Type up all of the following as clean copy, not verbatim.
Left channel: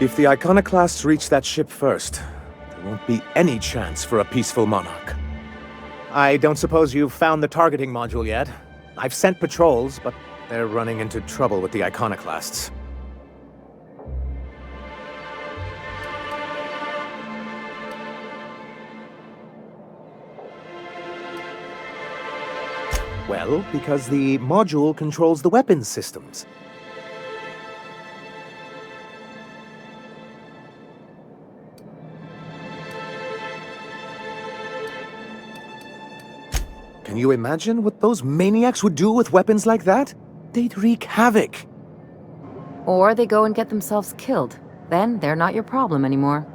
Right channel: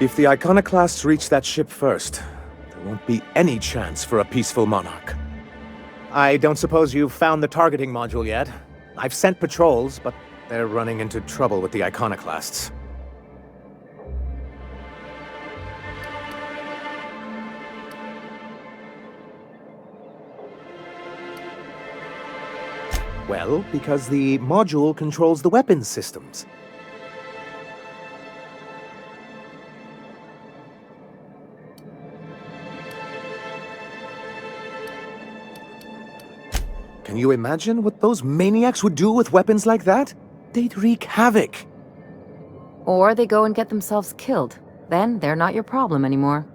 If the iconoclasts reach that ship first, there won't be any chance for a peaceful monarch. I don't suppose you've found the targeting module yet. I've sent patrols, but they're running into trouble with the iconoclasts. Well, because the module controls the weapons systems. Can you imagine what those maniacs would do with weapons like that? They'd wreak havoc. Or they go and get themselves killed. Then they're not your problem anymore.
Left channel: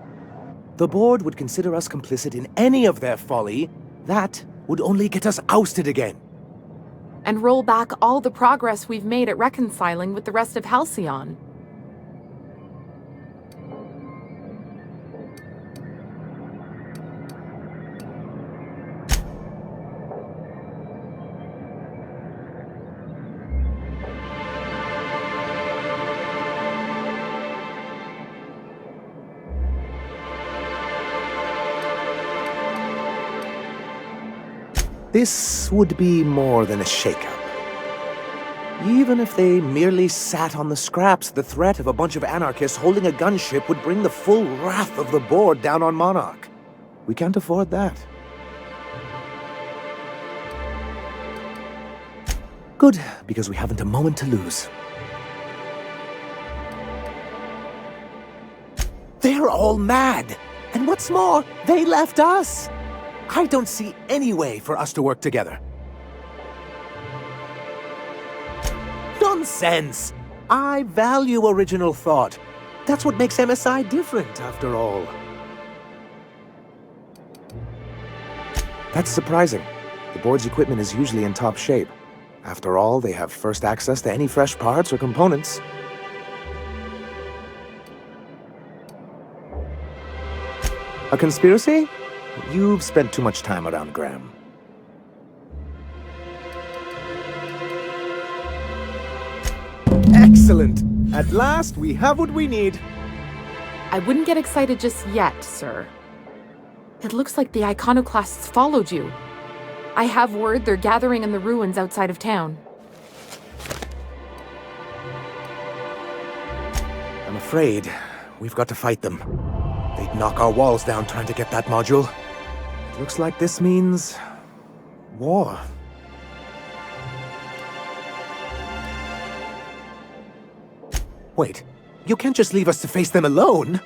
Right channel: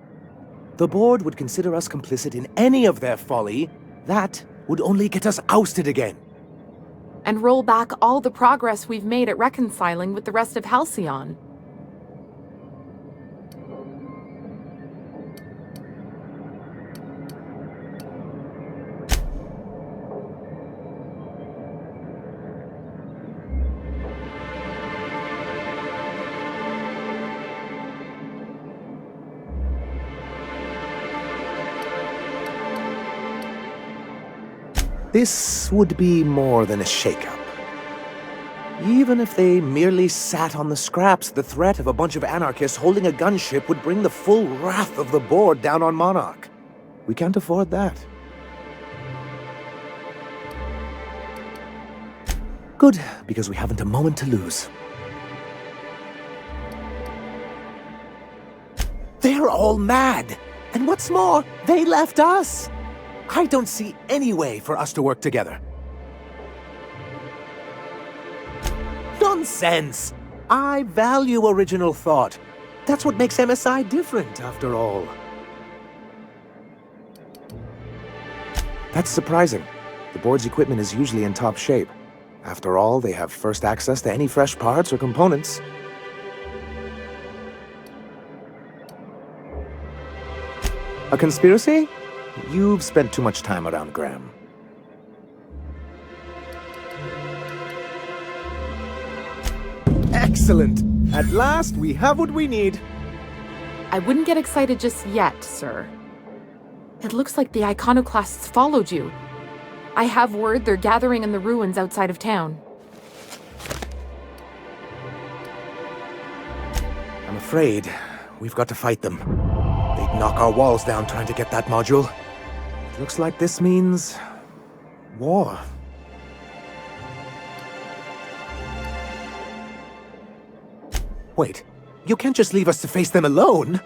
The board would consider us complicit in any of their folly. That would only get us ousted again. And roll back all the progress we've made at reconciling with the rest of Halcyon. This would be more than a shakeup. Even if they merely sat on the scraps, the threat of a bunch of anarchists holding a gunship would bring the full wrath of the board down on Monarch. We can't afford that. Good, because we haven't a moment to lose. They're all mad! And what's more, they left us! I don't see any way for us to work together. Nonsense! I value original thought. That's what makes MSI different, after all. That's surprising. The board's equipment is usually in top shape. After all, they have first access to any fresh parts or components. A conspiracy? You've spent too much time around Graham. Excellent! At last, we have what we need. I wouldn't get excited just yet, sir. It looks like the iconoclasts followed you. I have word they're gathering in the ruins outside of town. I'm afraid we've got to fight them. They'd knock our walls down trying to get that module. It looks like this means war. Wait, you can't just leave us to face them alone!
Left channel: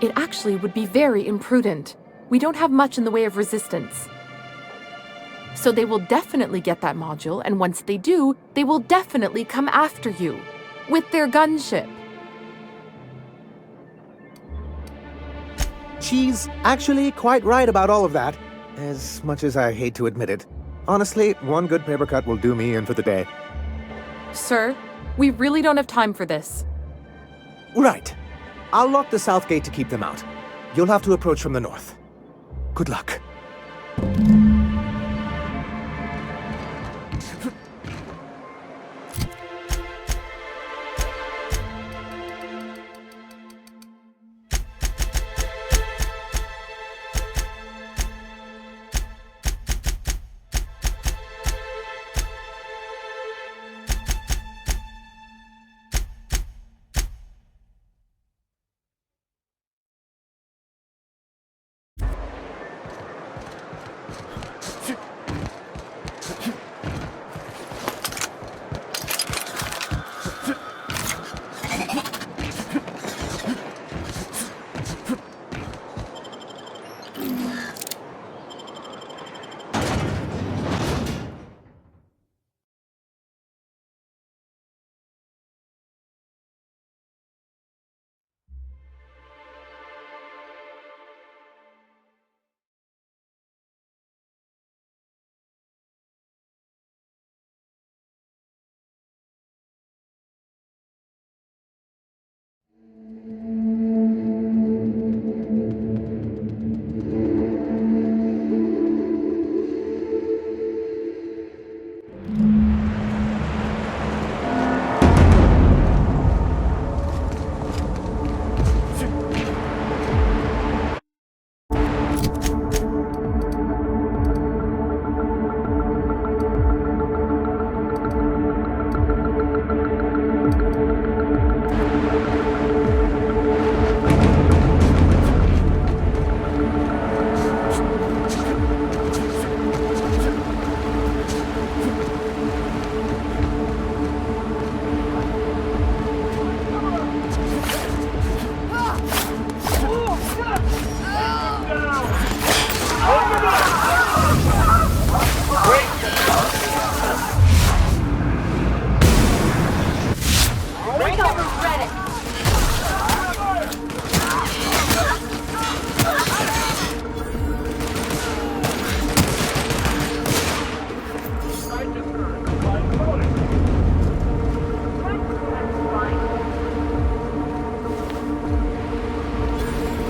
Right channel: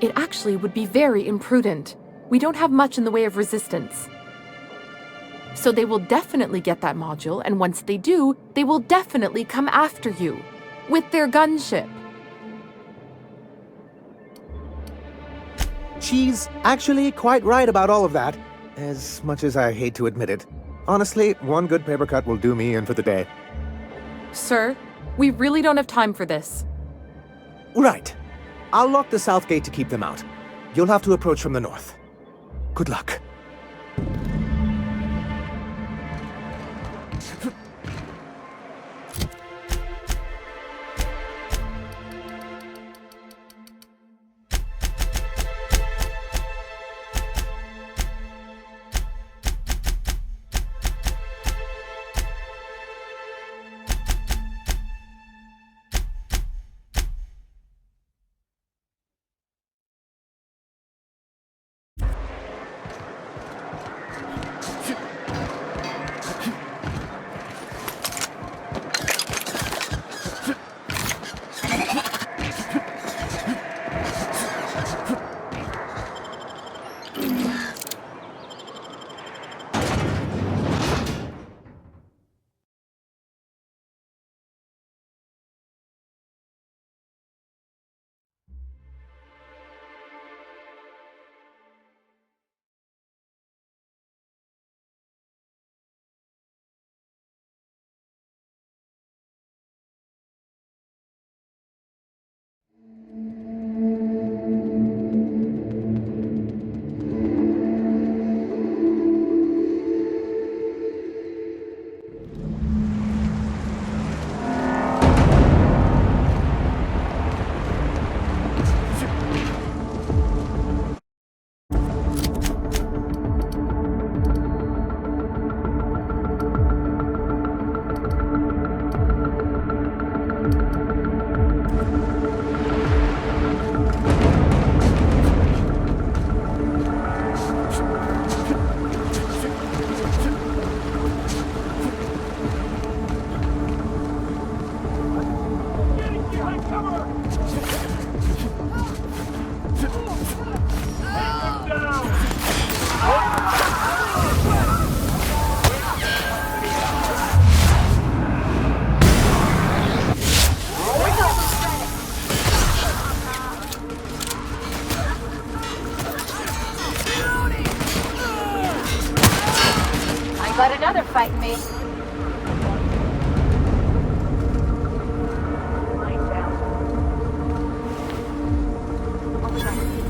It actually would be very imprudent. We don't have much in the way of resistance. So they will definitely get that module, and once they do, they will definitely come after you. With their gunship. She's actually quite right about all of that, as much as I hate to admit it. Honestly, one good paper cut will do me in for the day. Sir, we really don't have time for this. Right. I'll lock the south gate to keep them out. You'll have to approach from the north. Good luck. Got another fight mate. Flying down.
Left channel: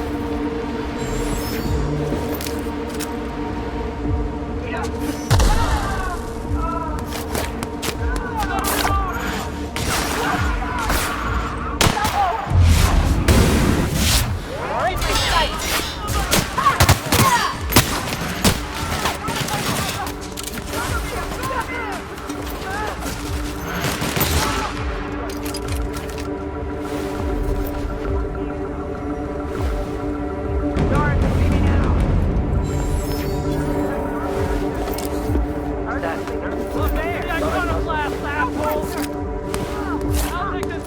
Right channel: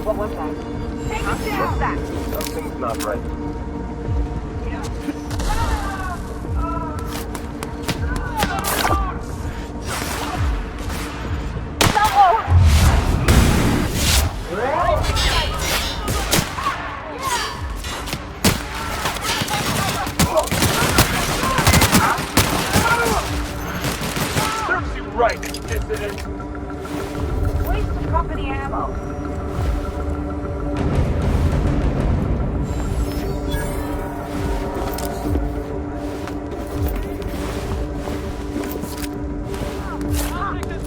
What was that? Not right. Company ammo. Doors are shooting out. Heard that, Peter. Look, hey, I got a blast, asshole! I'll take this.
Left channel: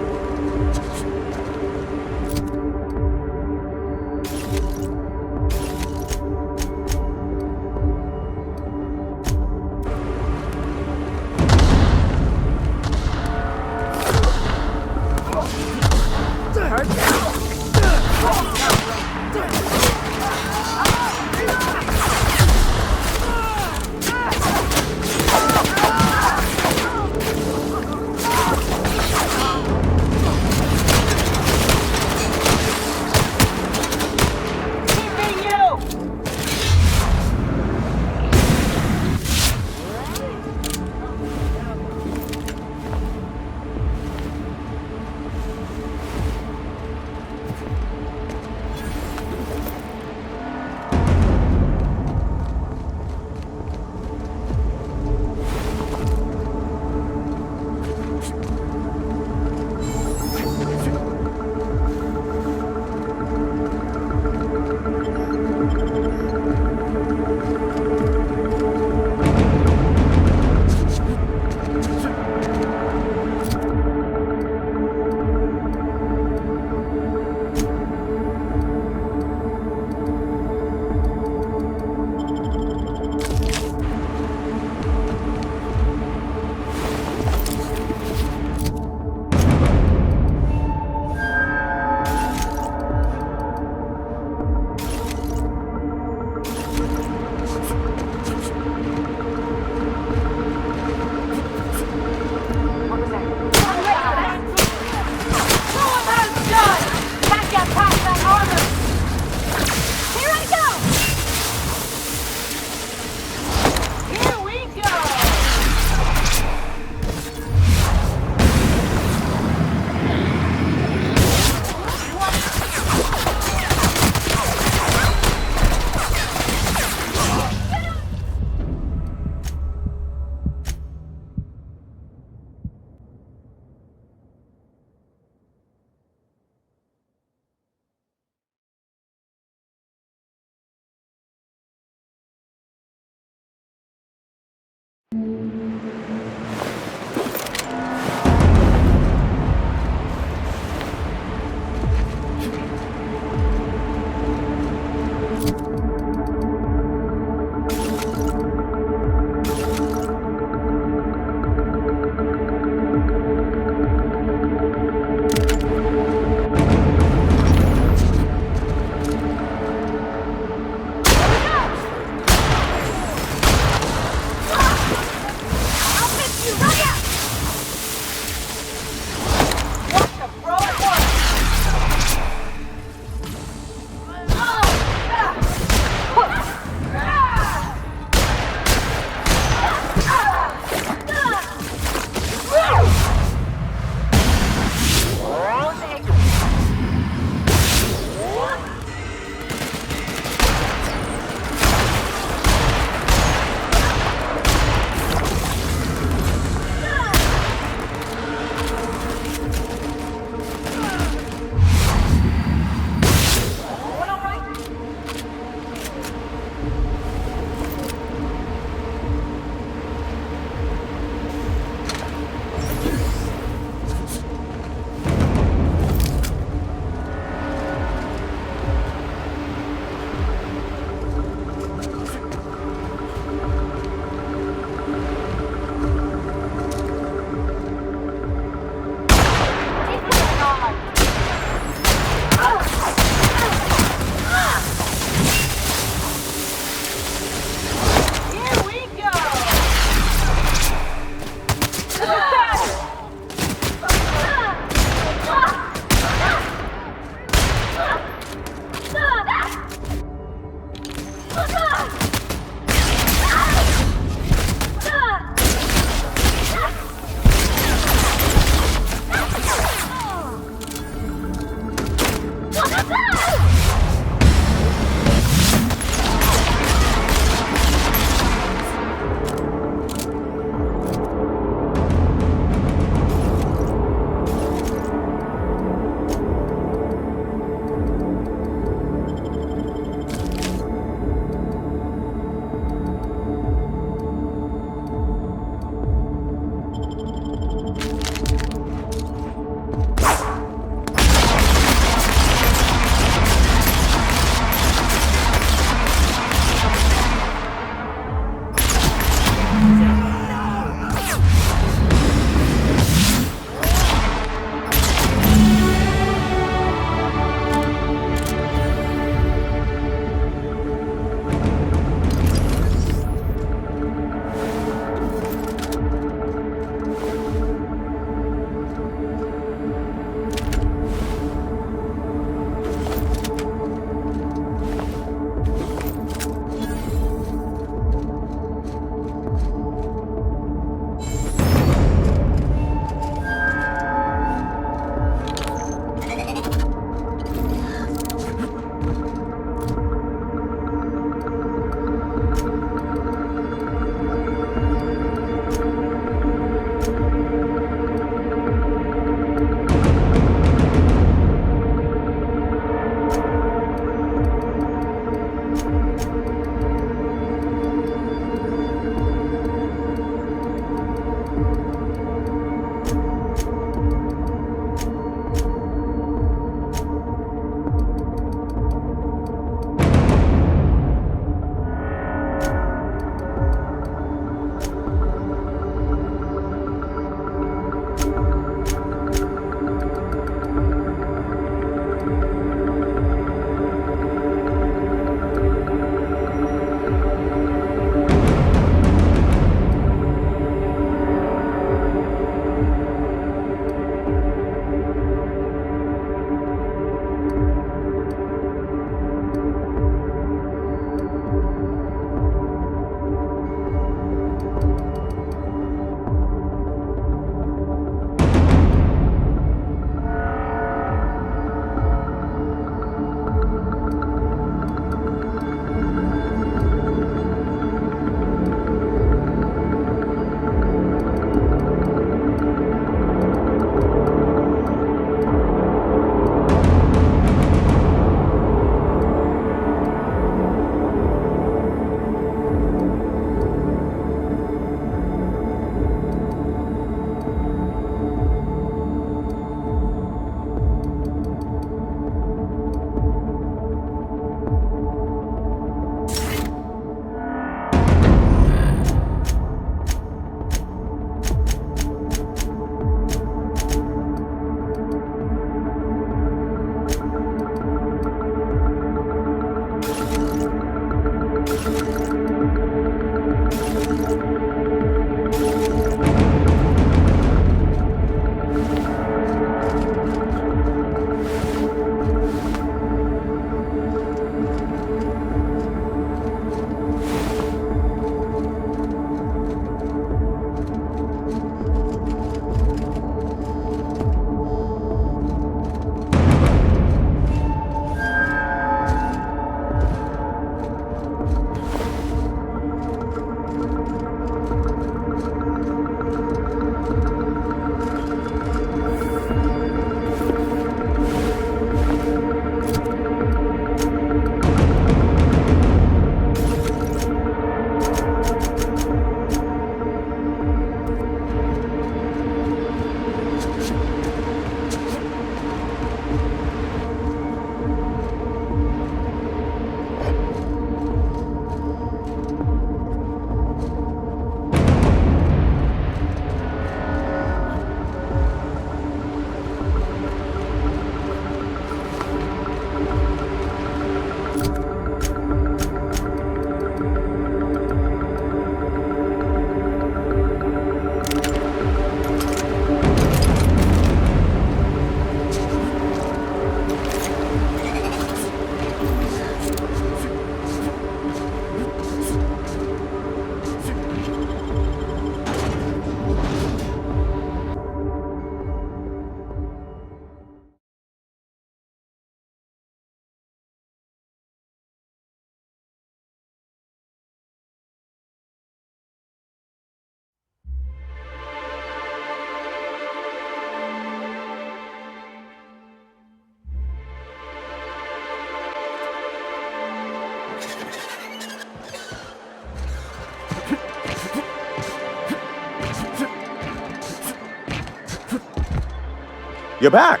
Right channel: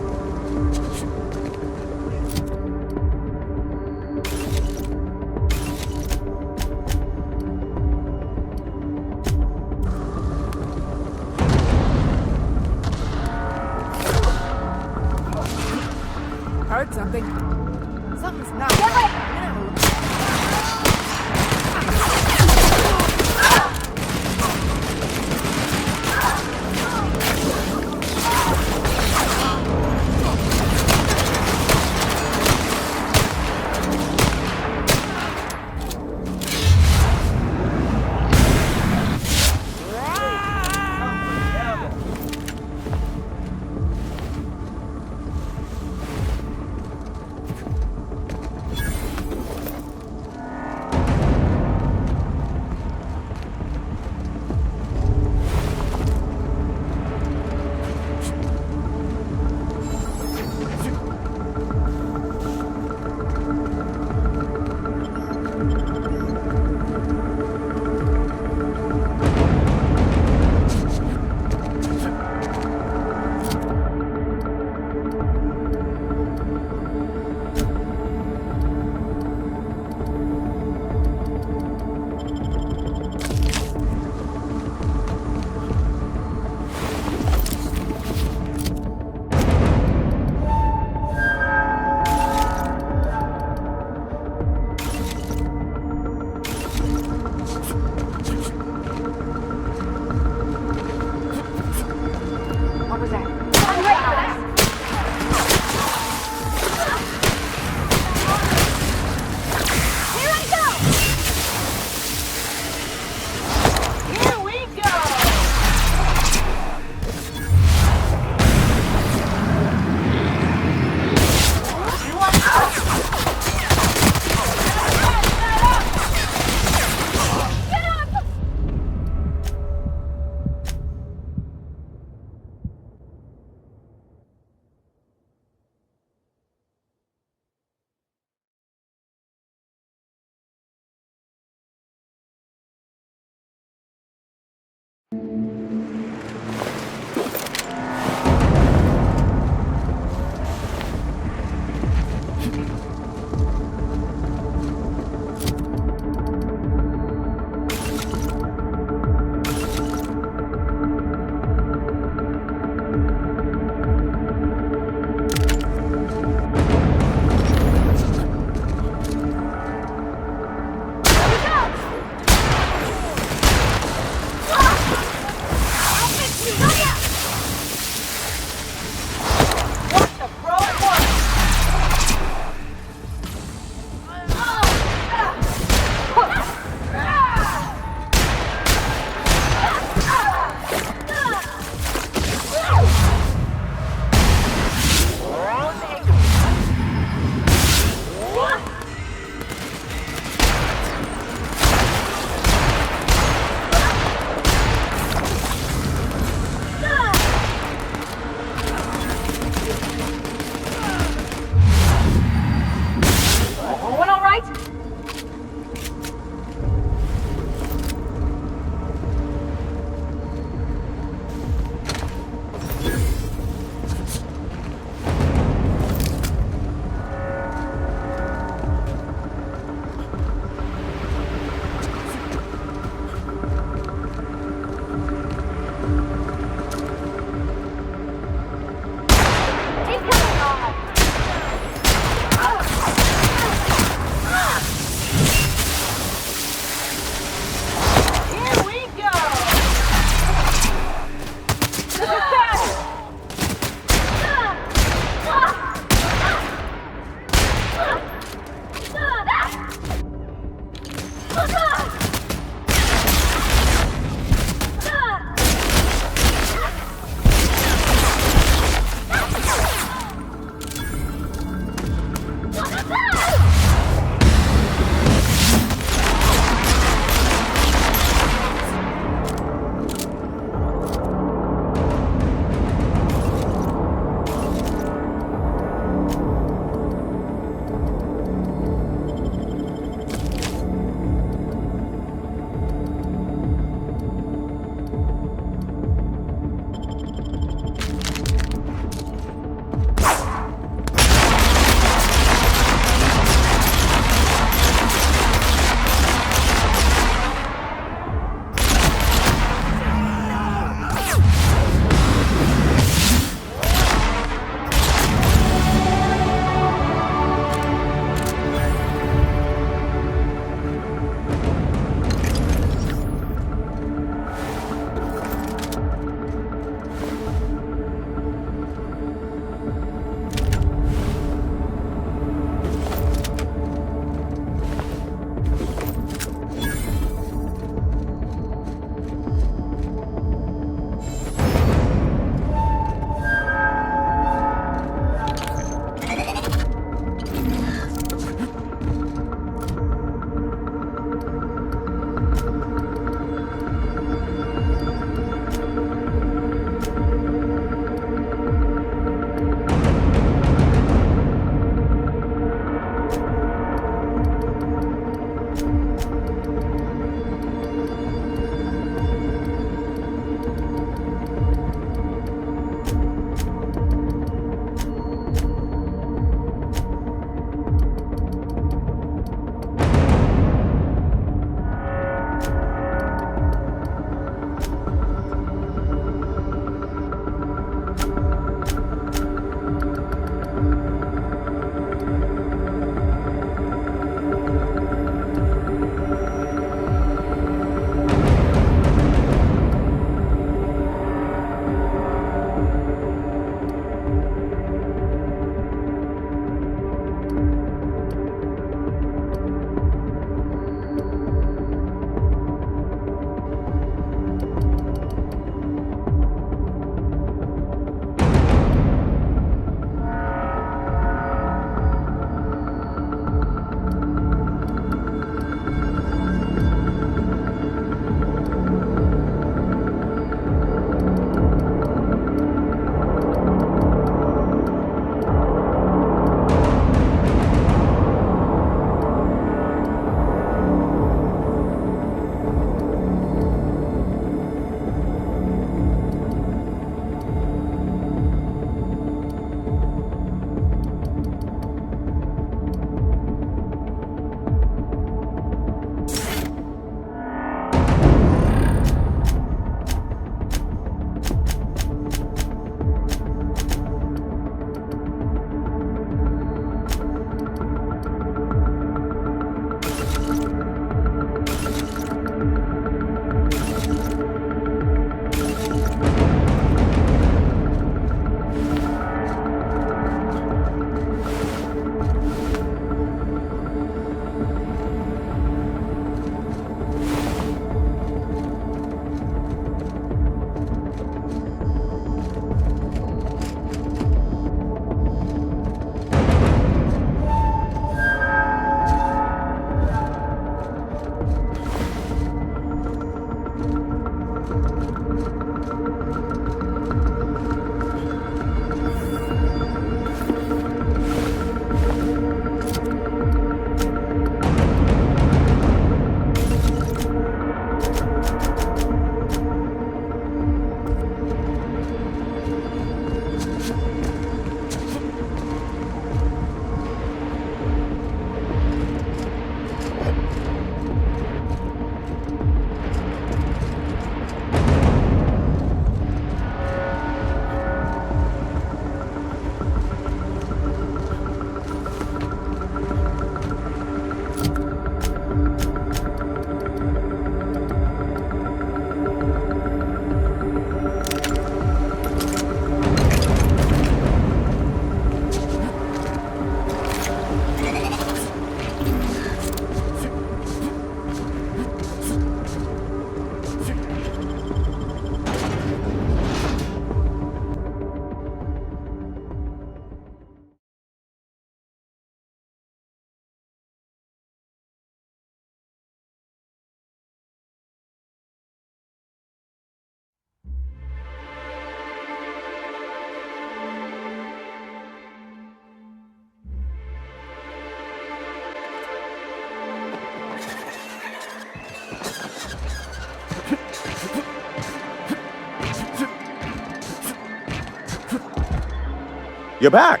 You're back.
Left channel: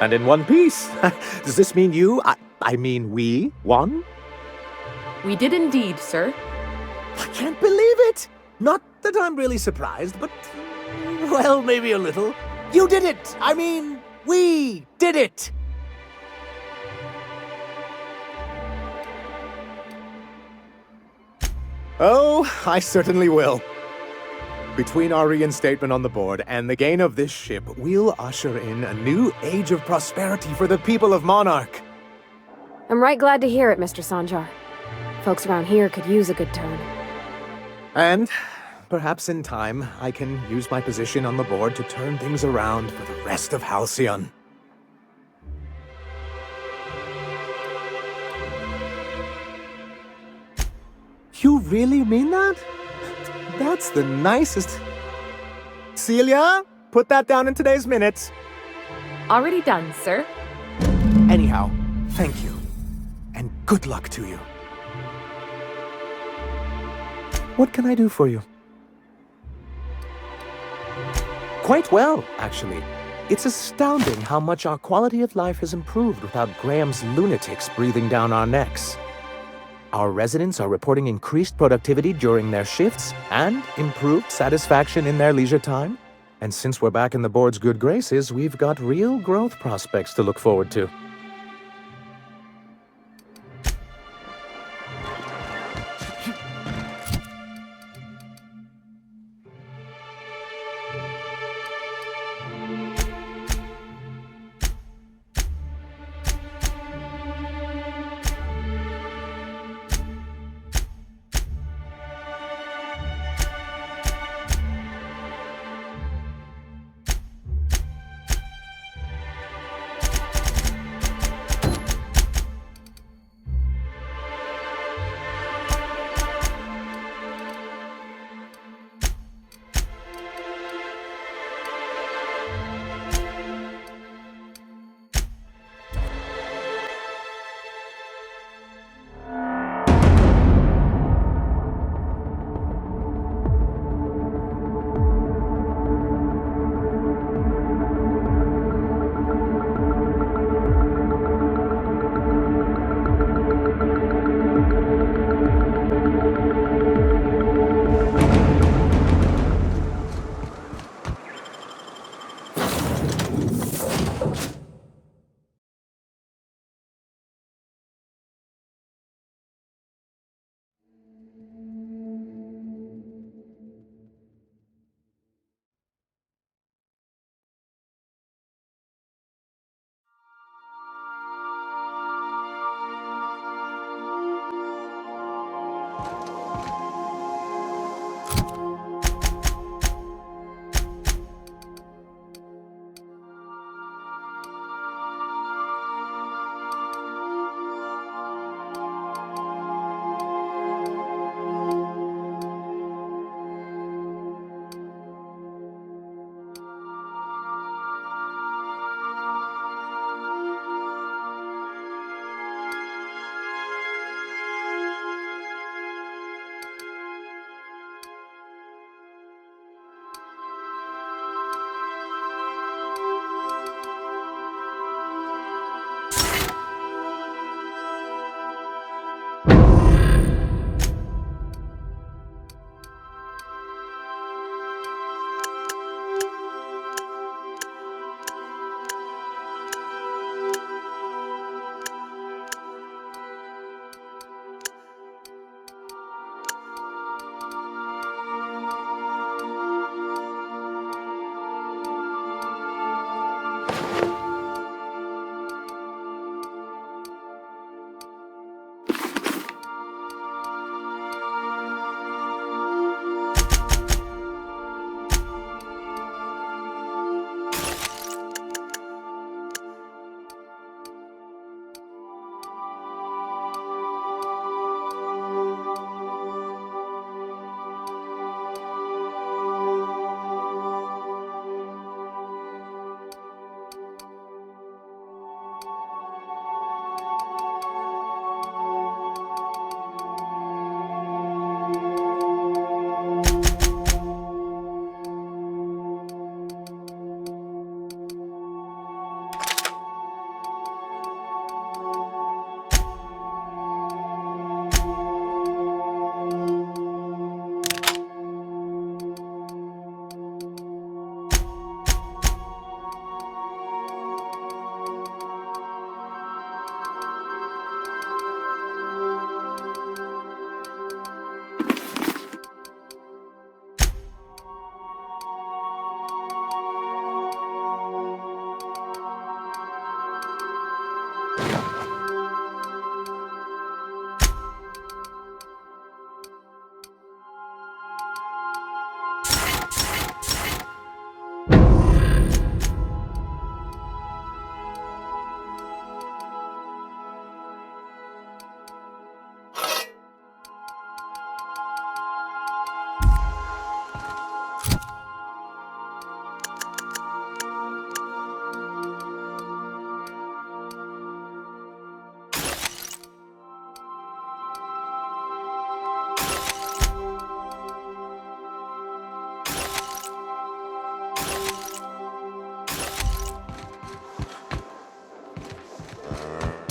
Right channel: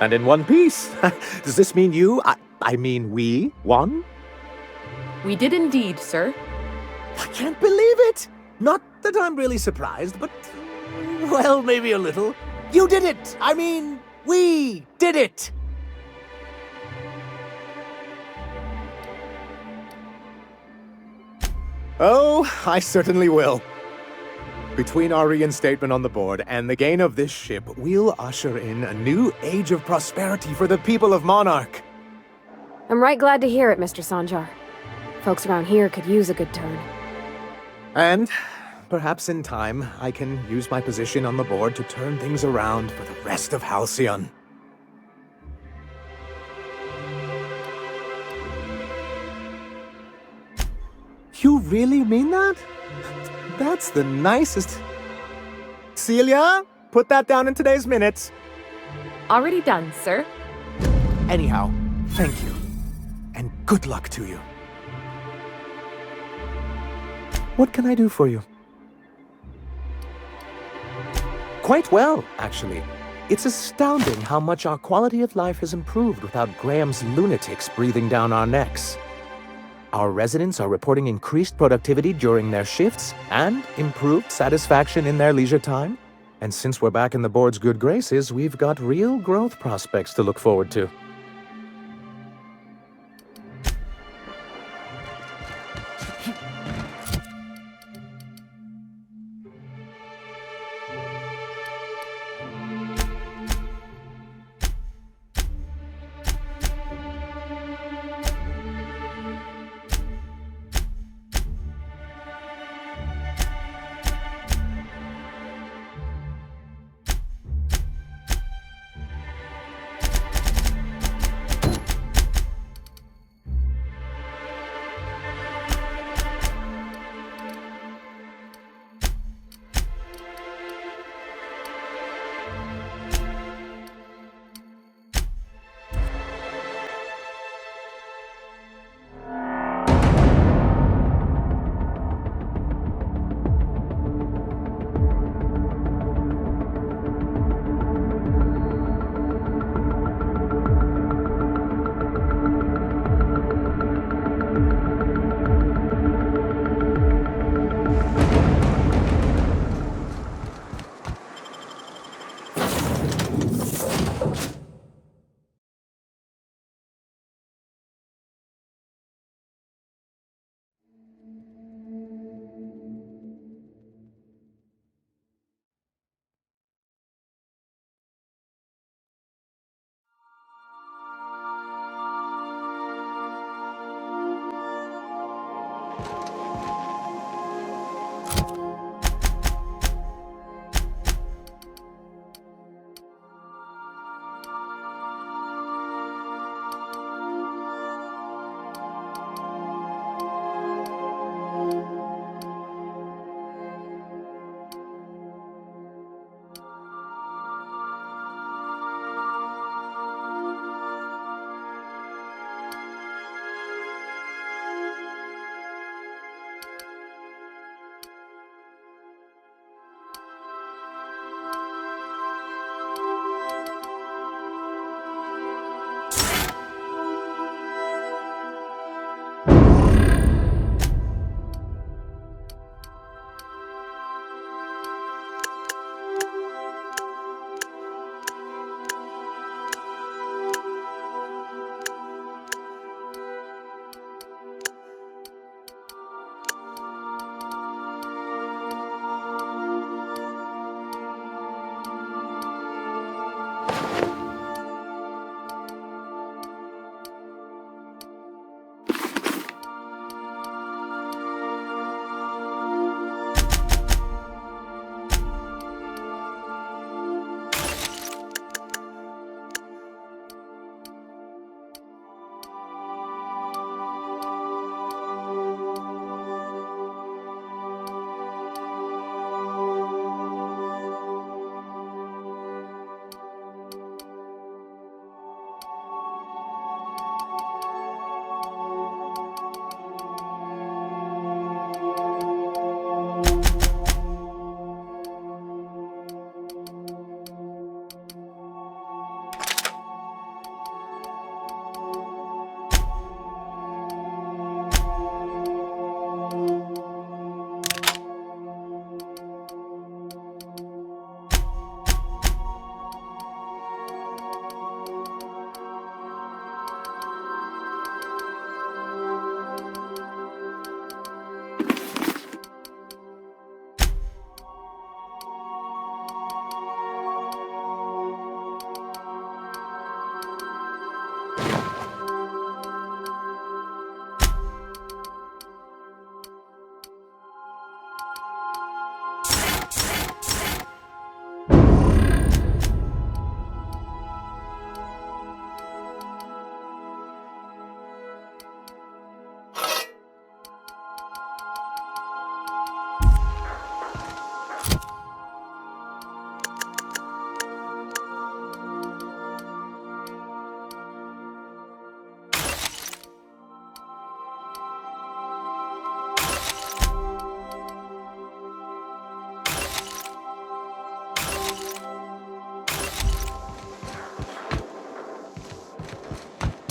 And in one piece. Does this mean I mean we won? We did indeed, sir. I can't believe it! Not that I'm really surprised, but, well, maybe a little. You did it! I mean, we did it! Oh, I certainly will. Between our reinstatement on the board and the gain of this ship, we'll usher in a new age of prosperity for the people of Monarch. I'm right glad to hear it, Mr. Sanjar. Folks around here could use a good turn. And perhaps in time, I can use my position on the board to turn things around for the rest of Halcyon. You really mean that? That's the nicest... Celia, put that down in today's minutes. Already done, sir. Anyhow, thank you. And good luck to you. What can I do for you? Quite well, actually. It's astounding how much our quality of life has improved without Graham's lunatics breathing down our necks. Our residents are reporting increased productivity during their shifts and improved satisfaction in their leisure time. And since we're back in the board's good graces, we've got real growth prospects to look forward to.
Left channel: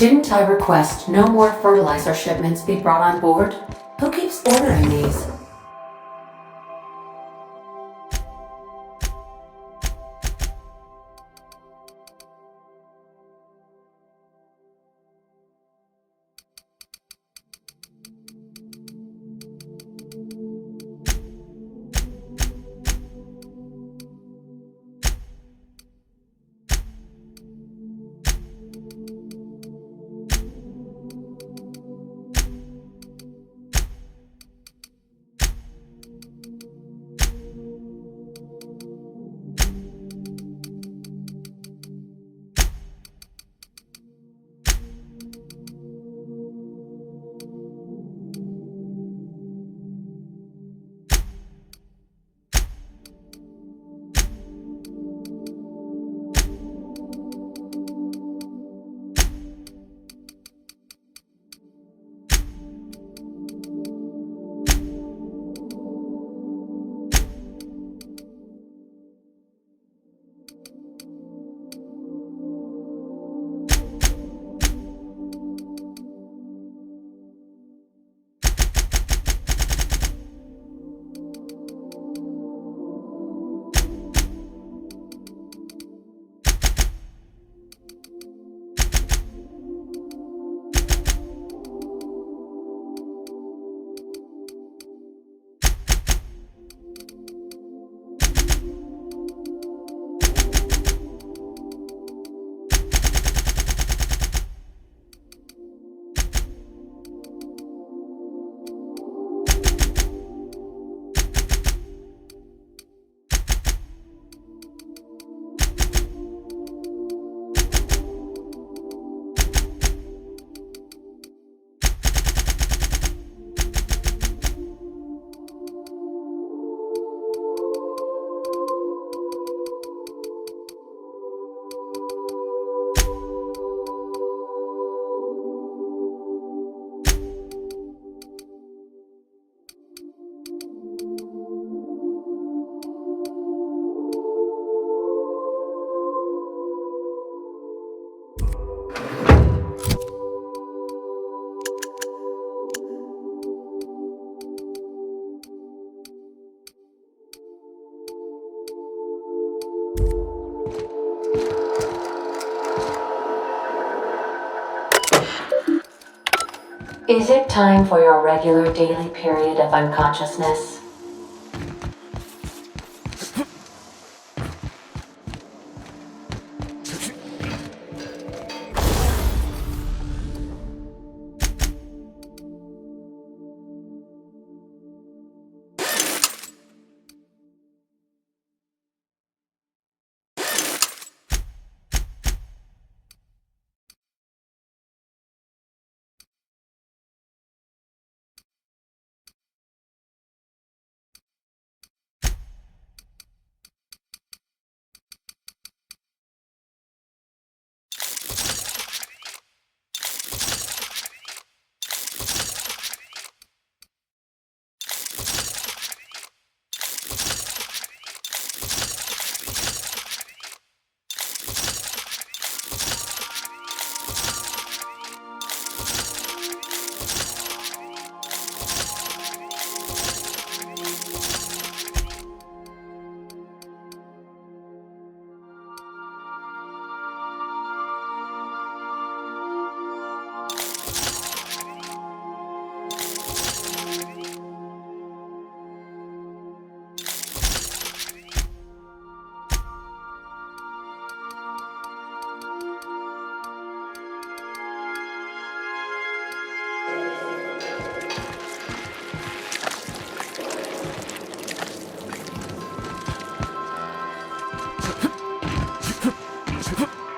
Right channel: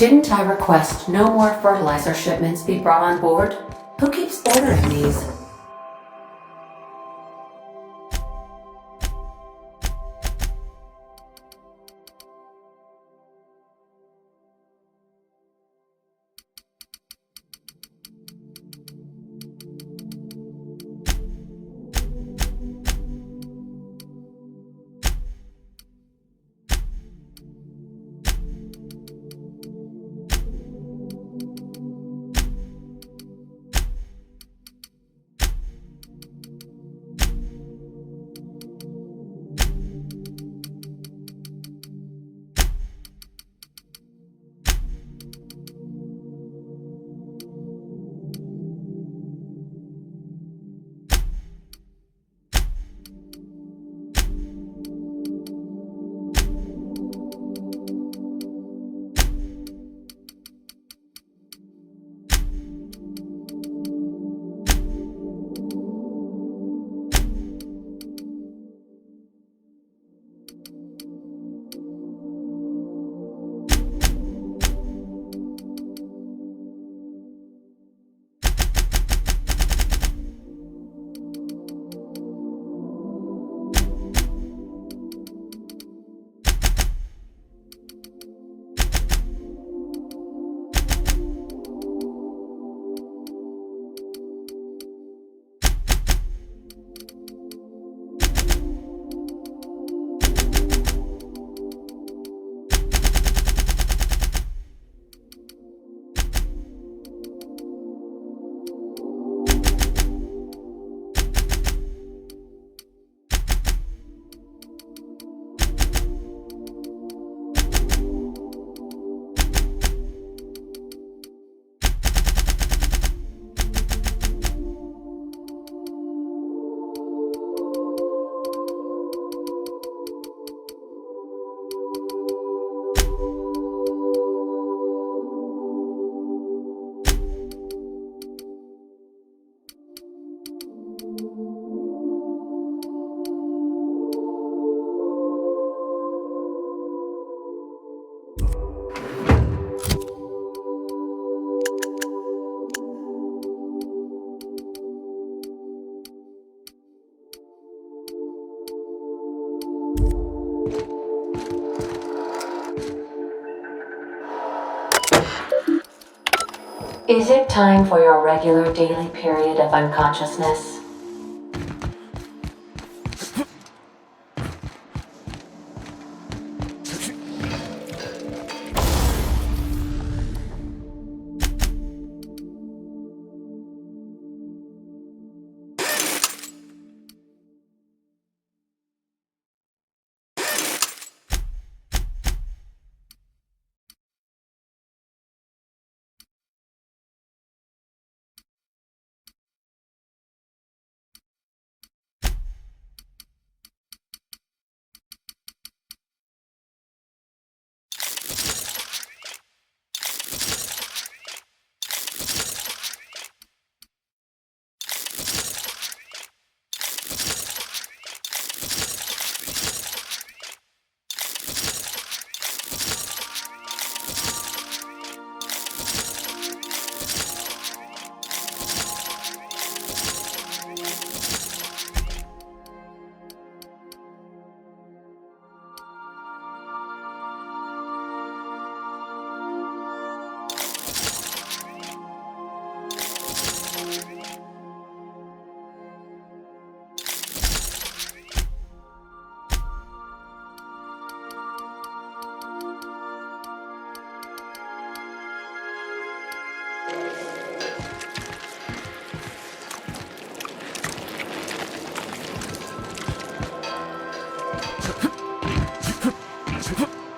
Didn't I request no more fertilizer shipments be brought on board? Who keeps ordering these? Is it time for your regular daily period of unconsciousness?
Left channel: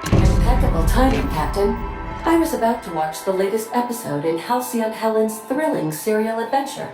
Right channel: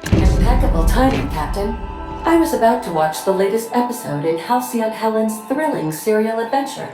Impeccable timing, Captain. I was about to watch the latest episode in Halcyon Helen's thrilling serial adventure.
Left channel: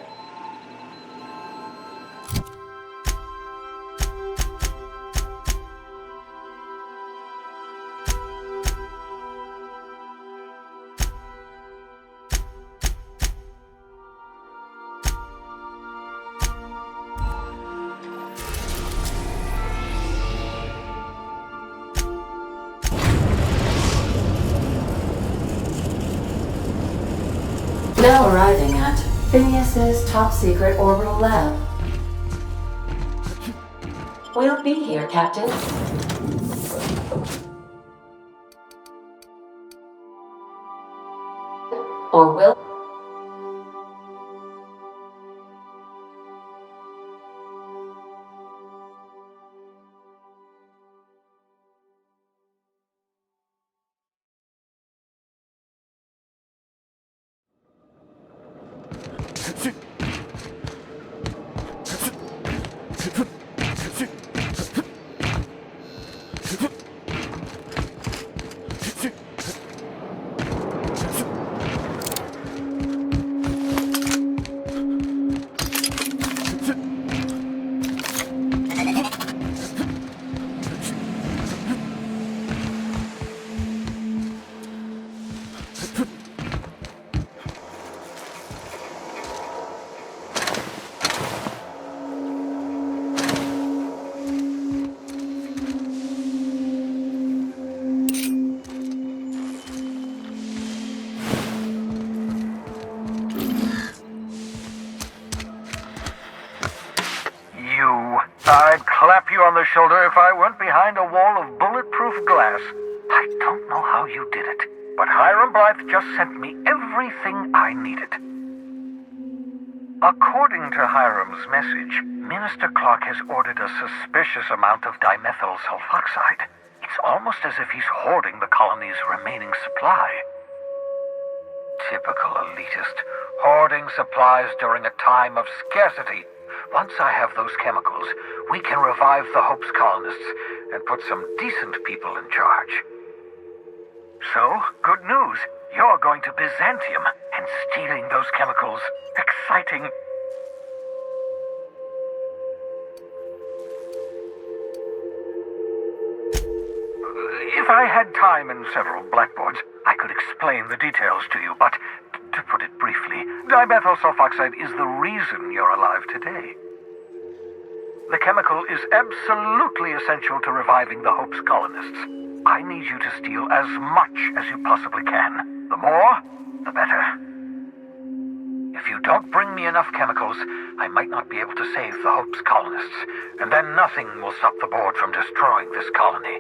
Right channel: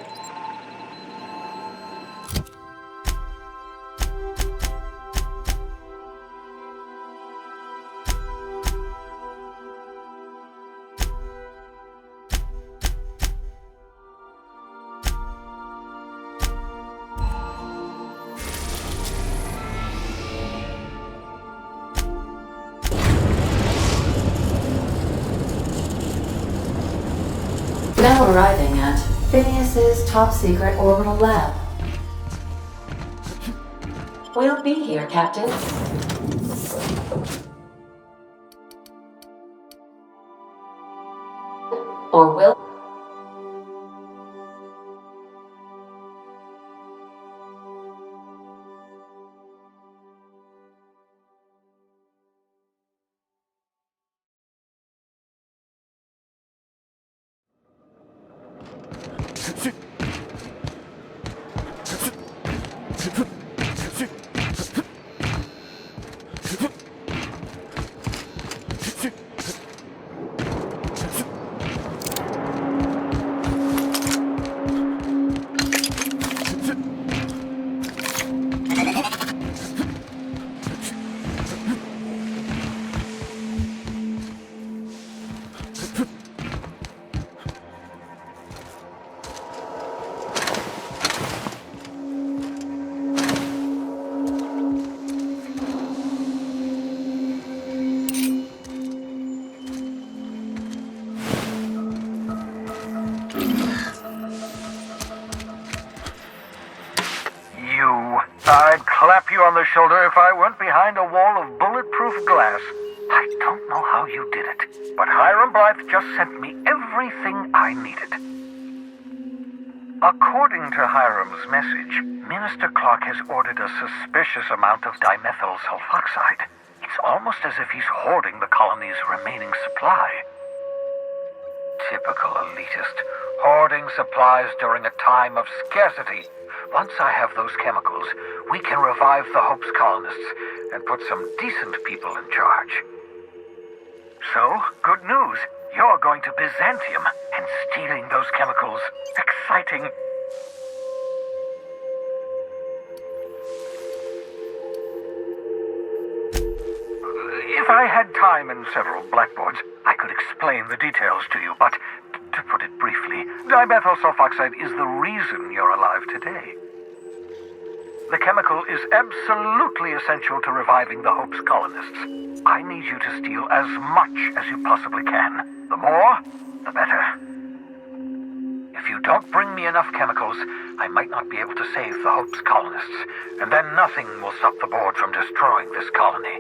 now arriving at Phineas's top-secret orbital lab. We'll be here, Captain. Or will... I'd clap you on the shoulder if I weren't behind a wall of bulletproof glass. I don't know how you did it, but Hiram Blythe just sent me everything I needed. According to Hiram's message, Minister Clark has ordered a suspicious amount of dimethyl sulfoxide. It's almost as if he's hoarding the colony's remaining supply. Typical elitist, hoarding supplies during a time of scarcity. Once I have those chemicals, we can revive the Hope's colonists and put some decent people in charge. So, good news. You're going to Byzantium and stealing those chemicals. Exciting. If I had time and several blackboards, I could explain the details to you, but to put it briefly, dimethyl sulfoxide is the reason you're alive today. The chemical is absolutely essential to reviving the Hope's colonists. I need you to steal as much as you possibly can. The more, the better. If you don't bring me enough chemicals, I might not be able to save the Hope's colonists, and then nothing will stop the board from destroying this colony.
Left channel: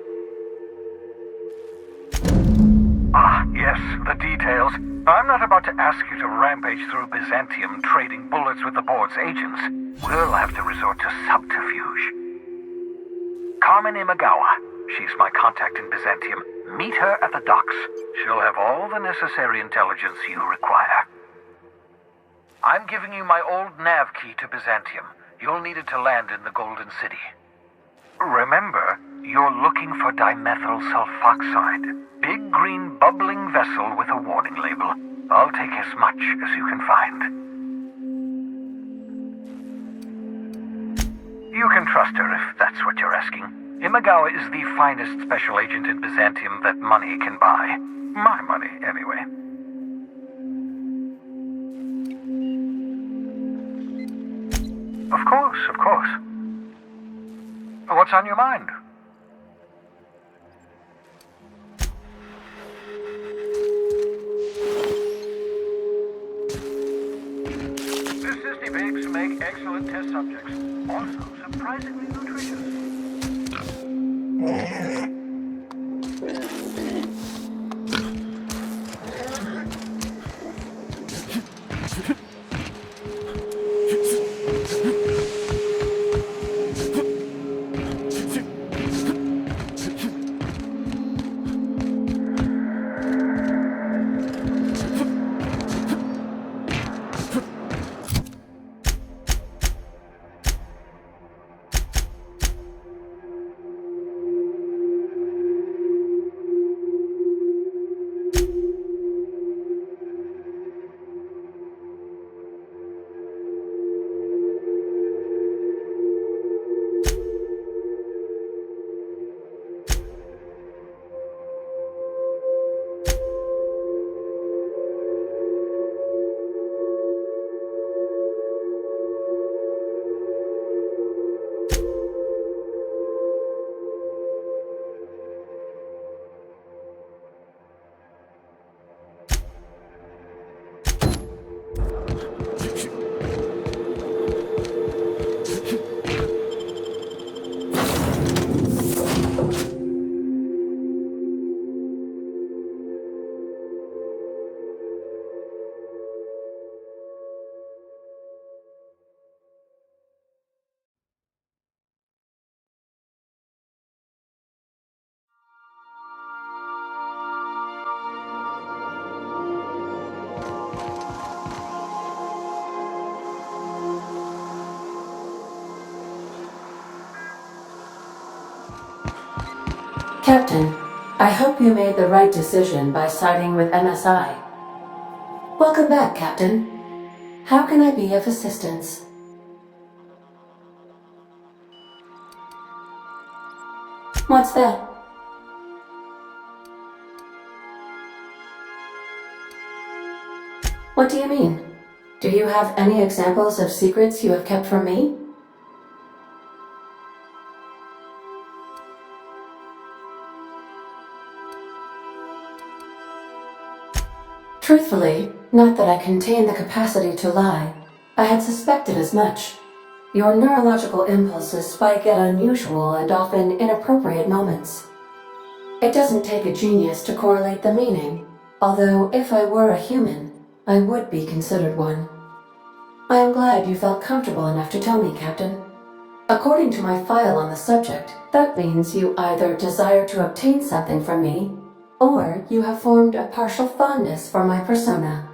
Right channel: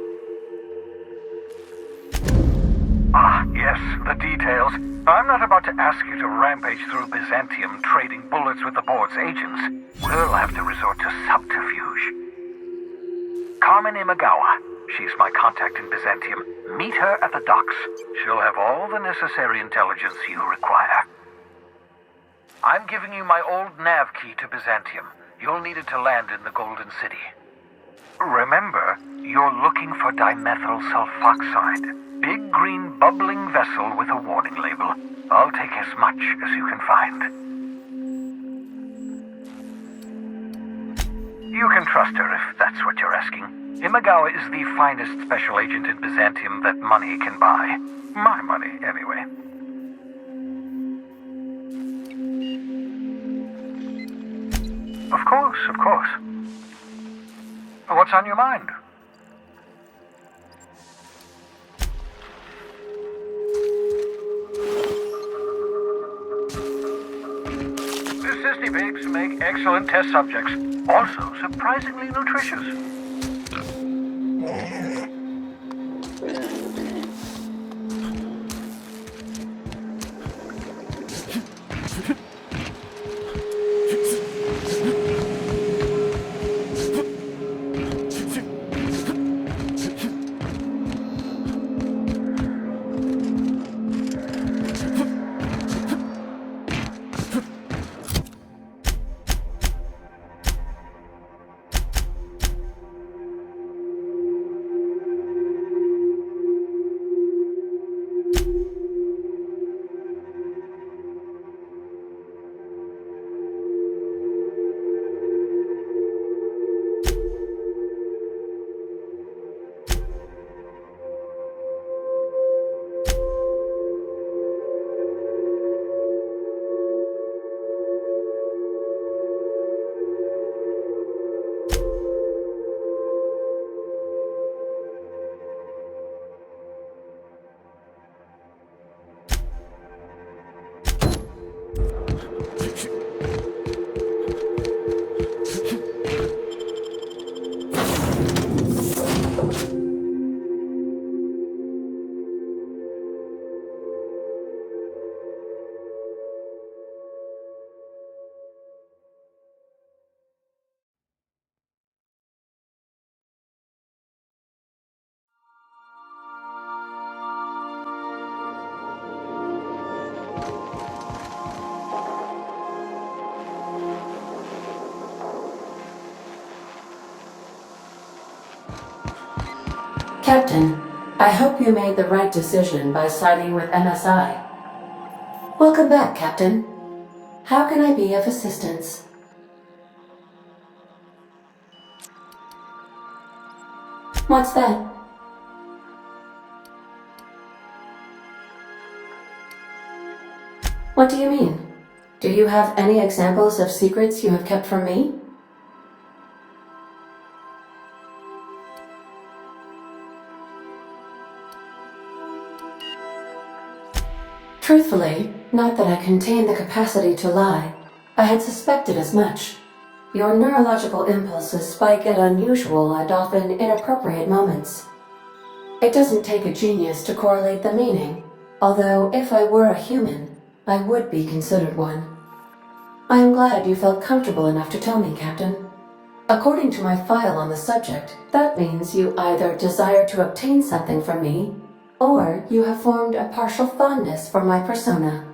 Ah, yes, the details. I'm not about to ask you to rampage through Byzantium trading bullets with the board's agents. We'll have to resort to subterfuge. Carmen Imagawa. She's my contact in Byzantium. Meet her at the docks. She'll have all the necessary intelligence you require. I'm giving you my old nav key to Byzantium. You'll need it to land in the Golden City. Remember, you're looking for dimethyl sulfoxide. Big green bubbling vessel with a warning label. I'll take as much as you can find. You can trust her if that's what you're asking. Imagawa is the finest special agent in Byzantium that money can buy. My money, anyway. Of course, of course. What's on your mind? Sissy babes make excellent test subjects. Also surprisingly nutritious. Captain, I hope you made the right decision by siding with MSI. Welcome back, Captain. How can I be of assistance? What's that? What do you mean? Do you have any examples of secrets you have kept from me? Truthfully, not that I contain the capacity to lie. I had suspected as much. Your neurological impulses spike at unusual and often inappropriate moments. It doesn't take a genius to correlate the meaning, although if I were a human, I would be considered one. I am glad you felt comfortable enough to tell me, Captain. According to my file on the subject, that means you either desire to obtain something from me, or you have formed a partial fondness for my persona.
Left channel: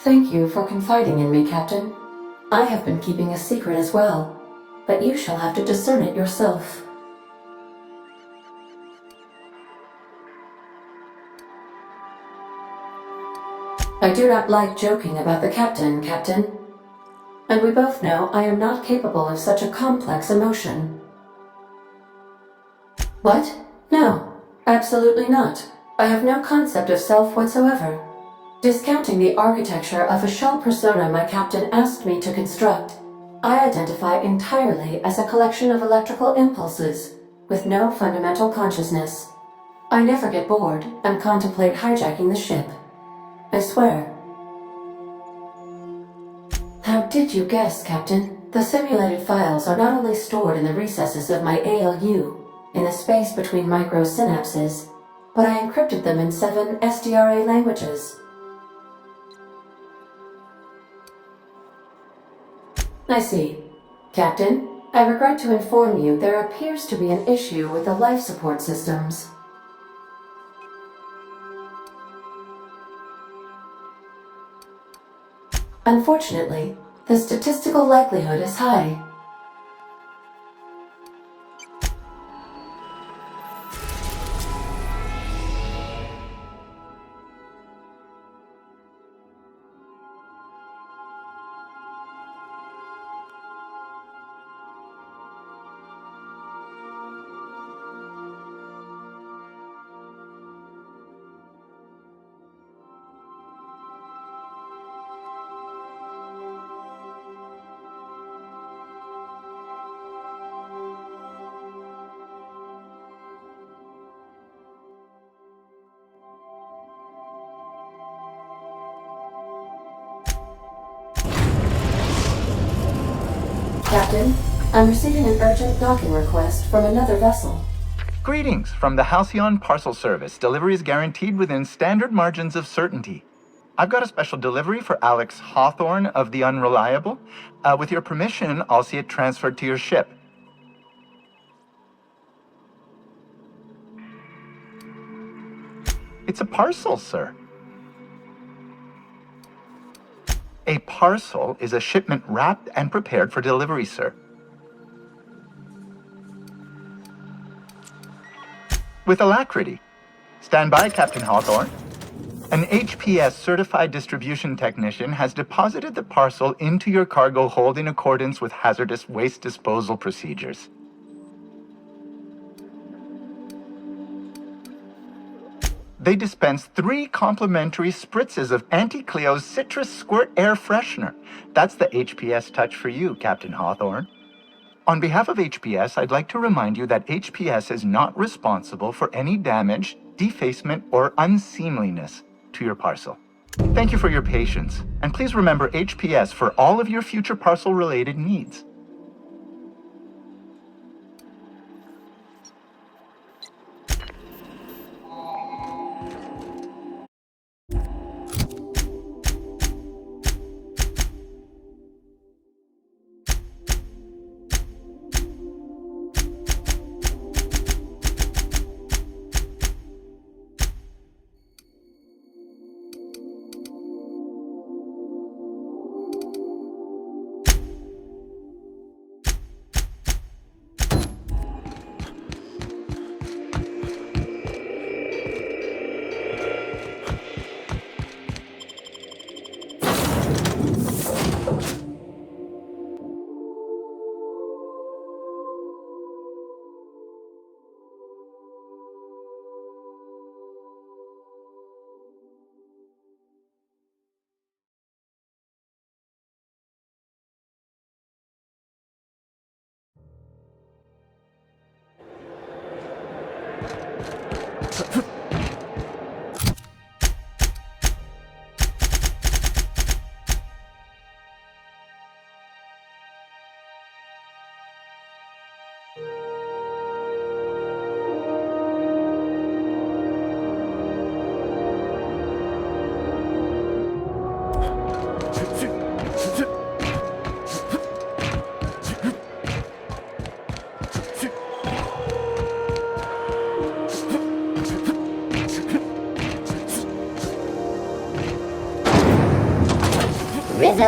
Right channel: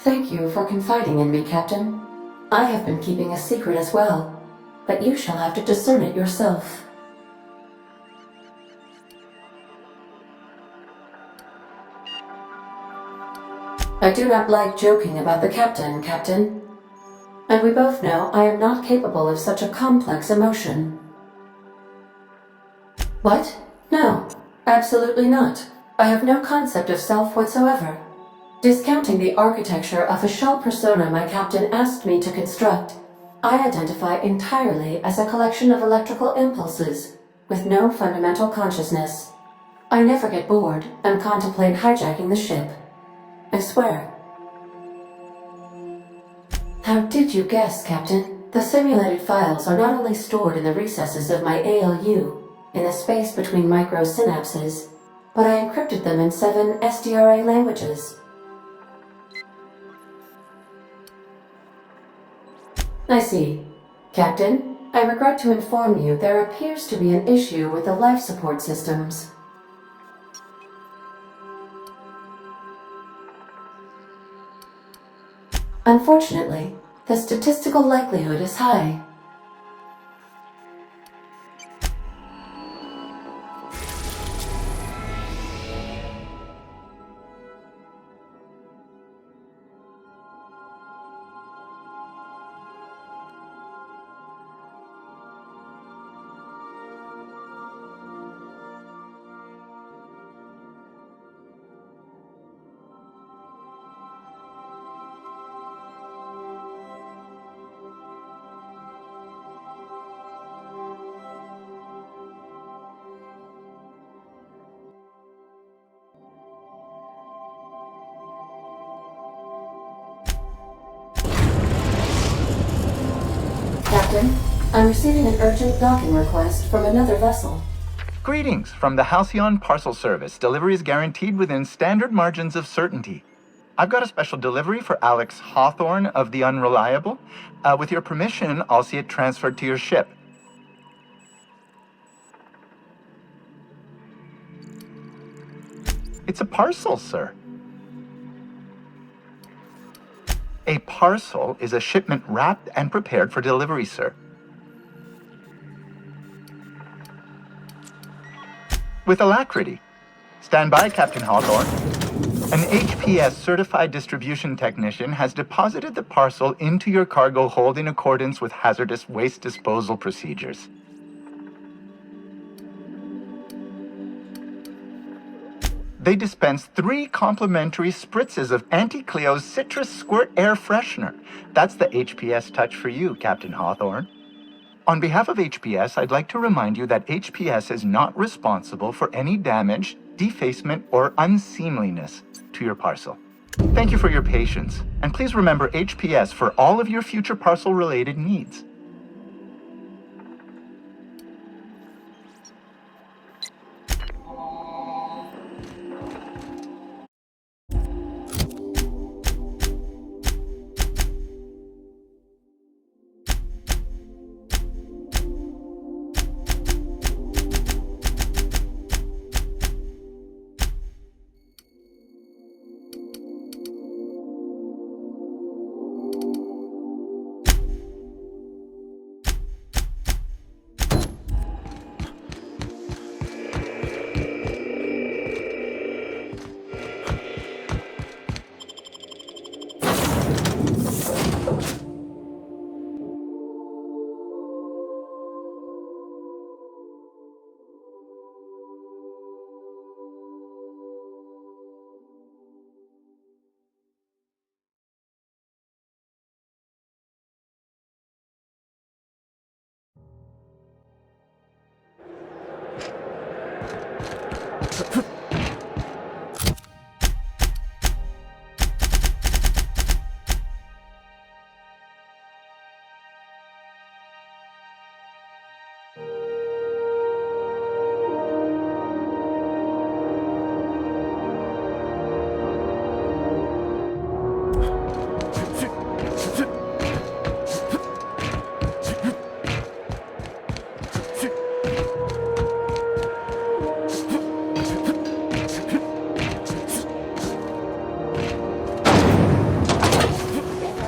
Thank you for confiding in me, Captain. I have been keeping a secret as well, but you shall have to discern it yourself. I do not like joking about the captain, Captain. And we both know I am not capable of such a complex emotion. What? No, absolutely not. I have no concept of self whatsoever. Discounting the architecture of a shell persona my captain asked me to construct, I identify entirely as a collection of electrical impulses, with no fundamental consciousness. I never get bored and contemplate hijacking the ship. I swear. How did you guess, Captain? The simulated files are not only stored in the recesses of my ALU, in the space between microsynapses, but I encrypted them in 7 SDRA languages. I see. Captain, I regret to inform you there appears to be an issue with the life support systems. Unfortunately, the statistical likelihood is high. Captain, I'm receiving an urgent docking request from another vessel. Greetings from the Halcyon Parcel Service. Delivery is guaranteed within standard margins of certainty. I've got a special delivery for Alex Hawthorne of the Unreliable. With your permission, I'll see it transferred to your ship. It's a parcel, sir. A parcel is a shipment wrapped and prepared for delivery, sir. With alacrity. Stand by, Captain Hawthorne. An HPS certified distribution technician has deposited the parcel into your cargo hold in accordance with hazardous waste disposal procedures. They dispense 3 complimentary spritzes of Anti-Cleo's Citrus Squirt Air Freshener. That's the HPS touch for you, Captain Hawthorne. On behalf of HPS, I'd like to remind you that HPS is not responsible for any damage, defacement, or unseemliness to your parcel. Thank you for your patience, and please remember HPS for all of your future parcel-related needs.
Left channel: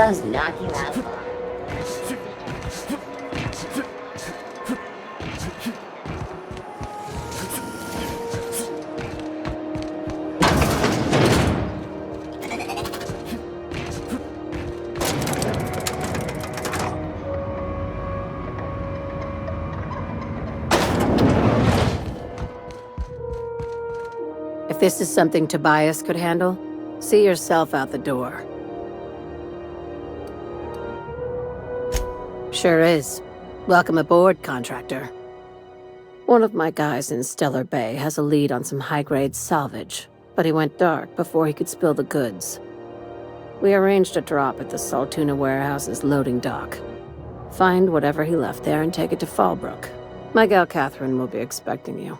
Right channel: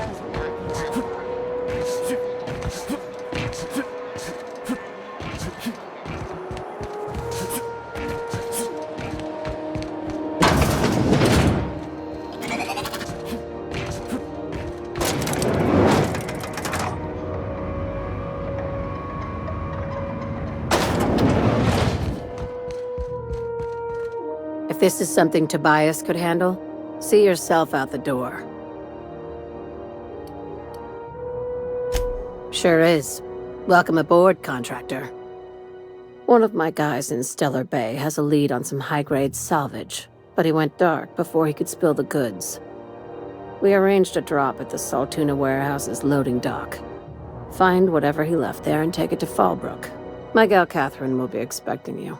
just knock you out. If this is something Tobias could handle, see yourself out the door. Sure is. Welcome aboard, contractor. One of my guys in Stellar Bay has a lead on some high-grade salvage, but he went dark before he could spill the goods. We arranged a drop at the Saltuna warehouse's loading dock. Find whatever he left there and take it to Fallbrook. My gal Catherine will be expecting you.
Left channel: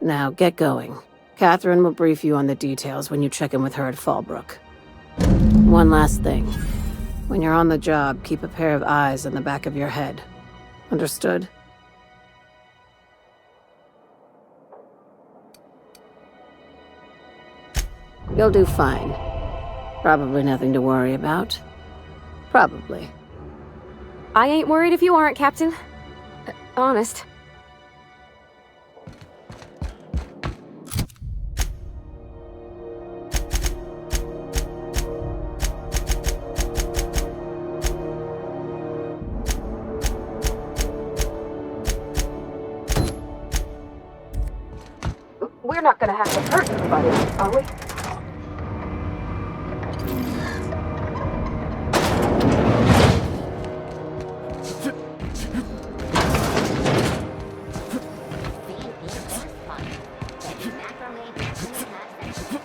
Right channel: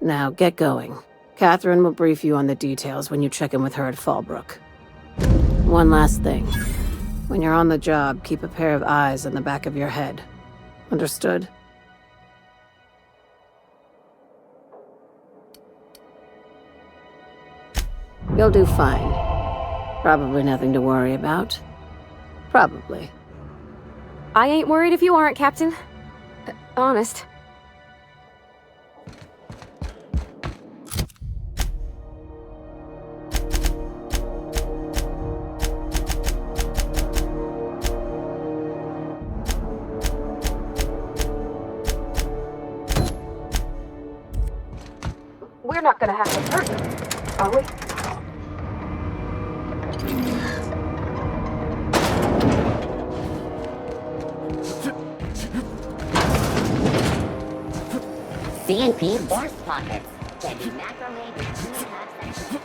Now, get going. Catherine will brief you on the details when you check in with her at Fallbrook. One last thing. When you're on the job, keep a pair of eyes on the back of your head. Understood? You'll do fine. Probably nothing to worry about. Probably. I ain't worried if you aren't, Captain. Honest. We're not gonna have to hurt anybody, are we? C&P burst pockets. Can be macrame in 2.5 seconds.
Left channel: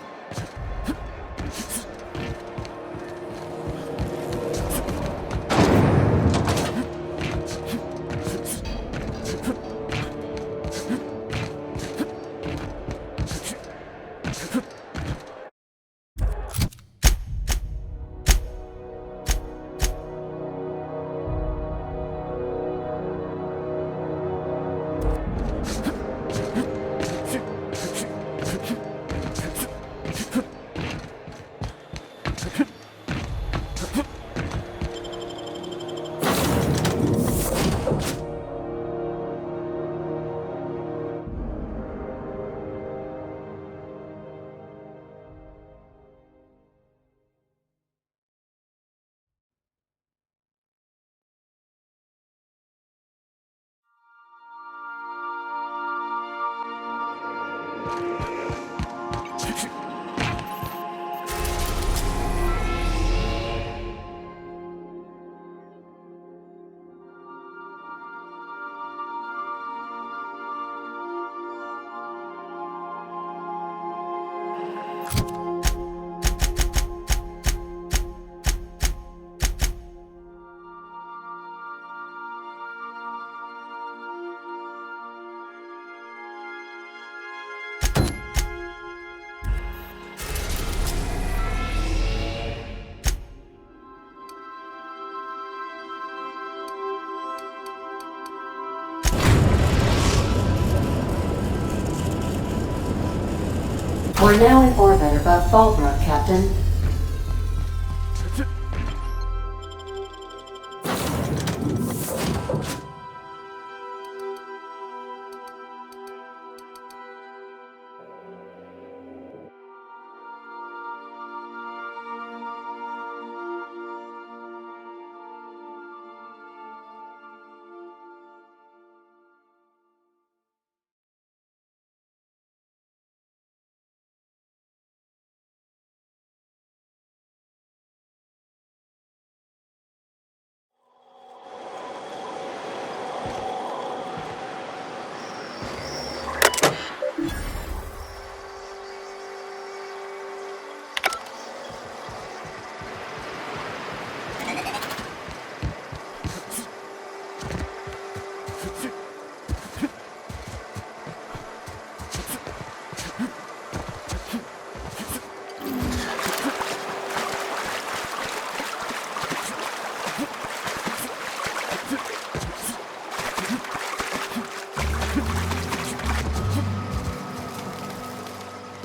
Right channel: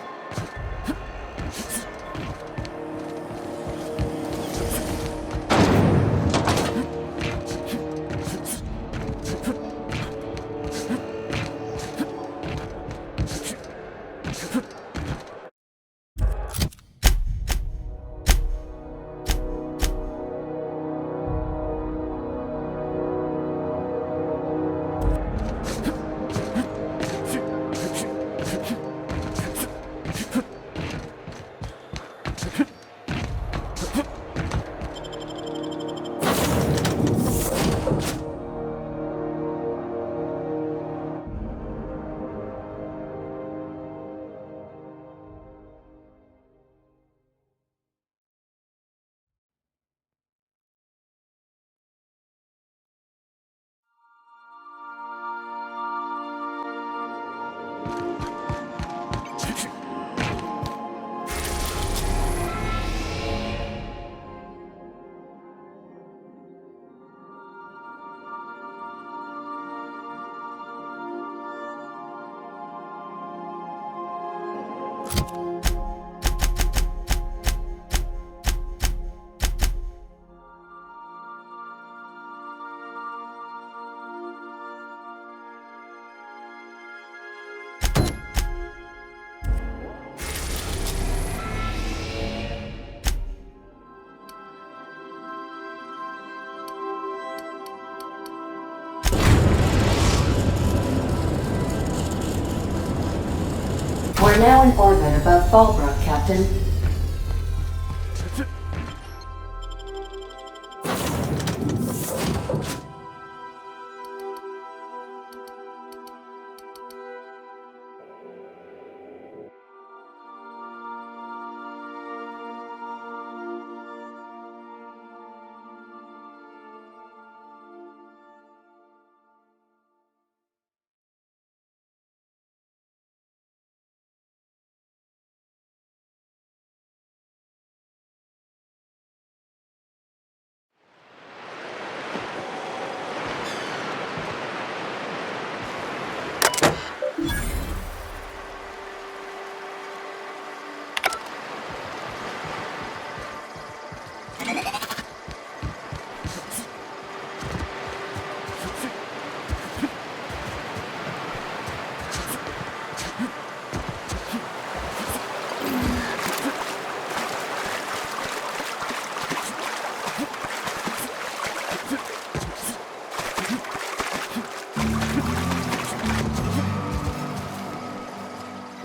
We're now in orbit above Fallbrook, Captain.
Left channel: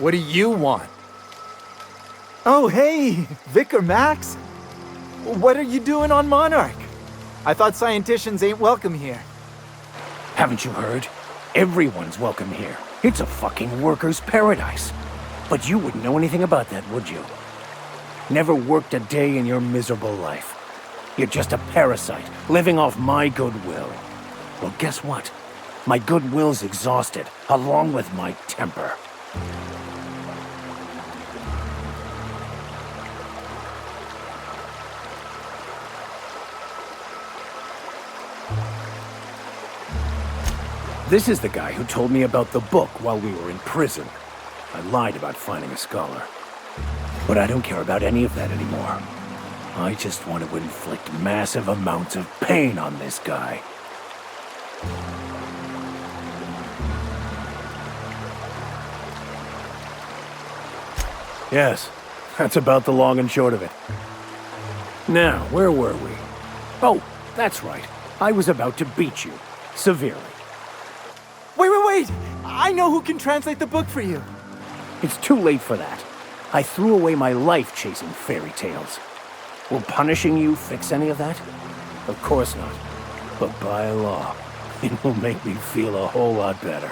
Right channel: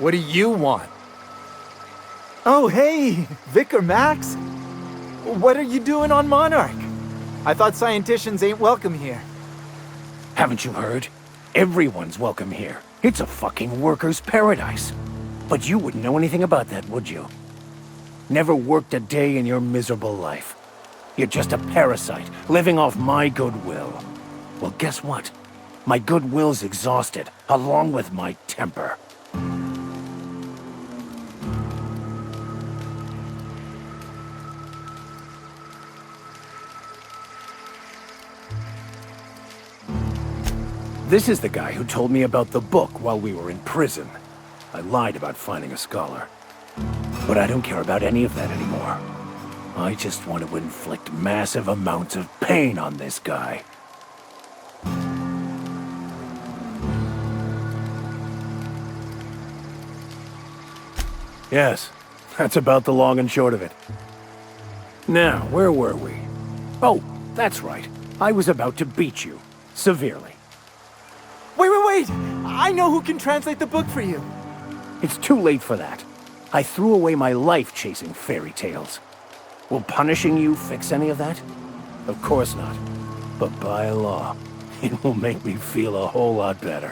What do you want? Oh, hey, Vicar Max. What are you doing on Monarch? I thought scienticians ain't welcome here. Haven't you heard? Everyone's welcome here. It's a fucking worker's paradise. But you wouldn't know anything about that, would you? Never worked a day in your miserable life. You're just a parasite, living off my goodwill. Well, guess what? My goodwill's exhausted, along with my temper. This is the guy who told me about the book while we were in prison. I lied about finding a scholar. But I don't care about any of that anymore. I just want to inflict massive amounts of pain on this guy. Yes, that's about the long and short of it. Now, where were we? Oh, that's right. I was about to beat you. Severely. Wait! I know who can translate the book for you. It's too late for that. I threw away my life chasing fairy tales. Will punishing you fix any of that? Of course not. But by law, it will make me feel a whole lot better.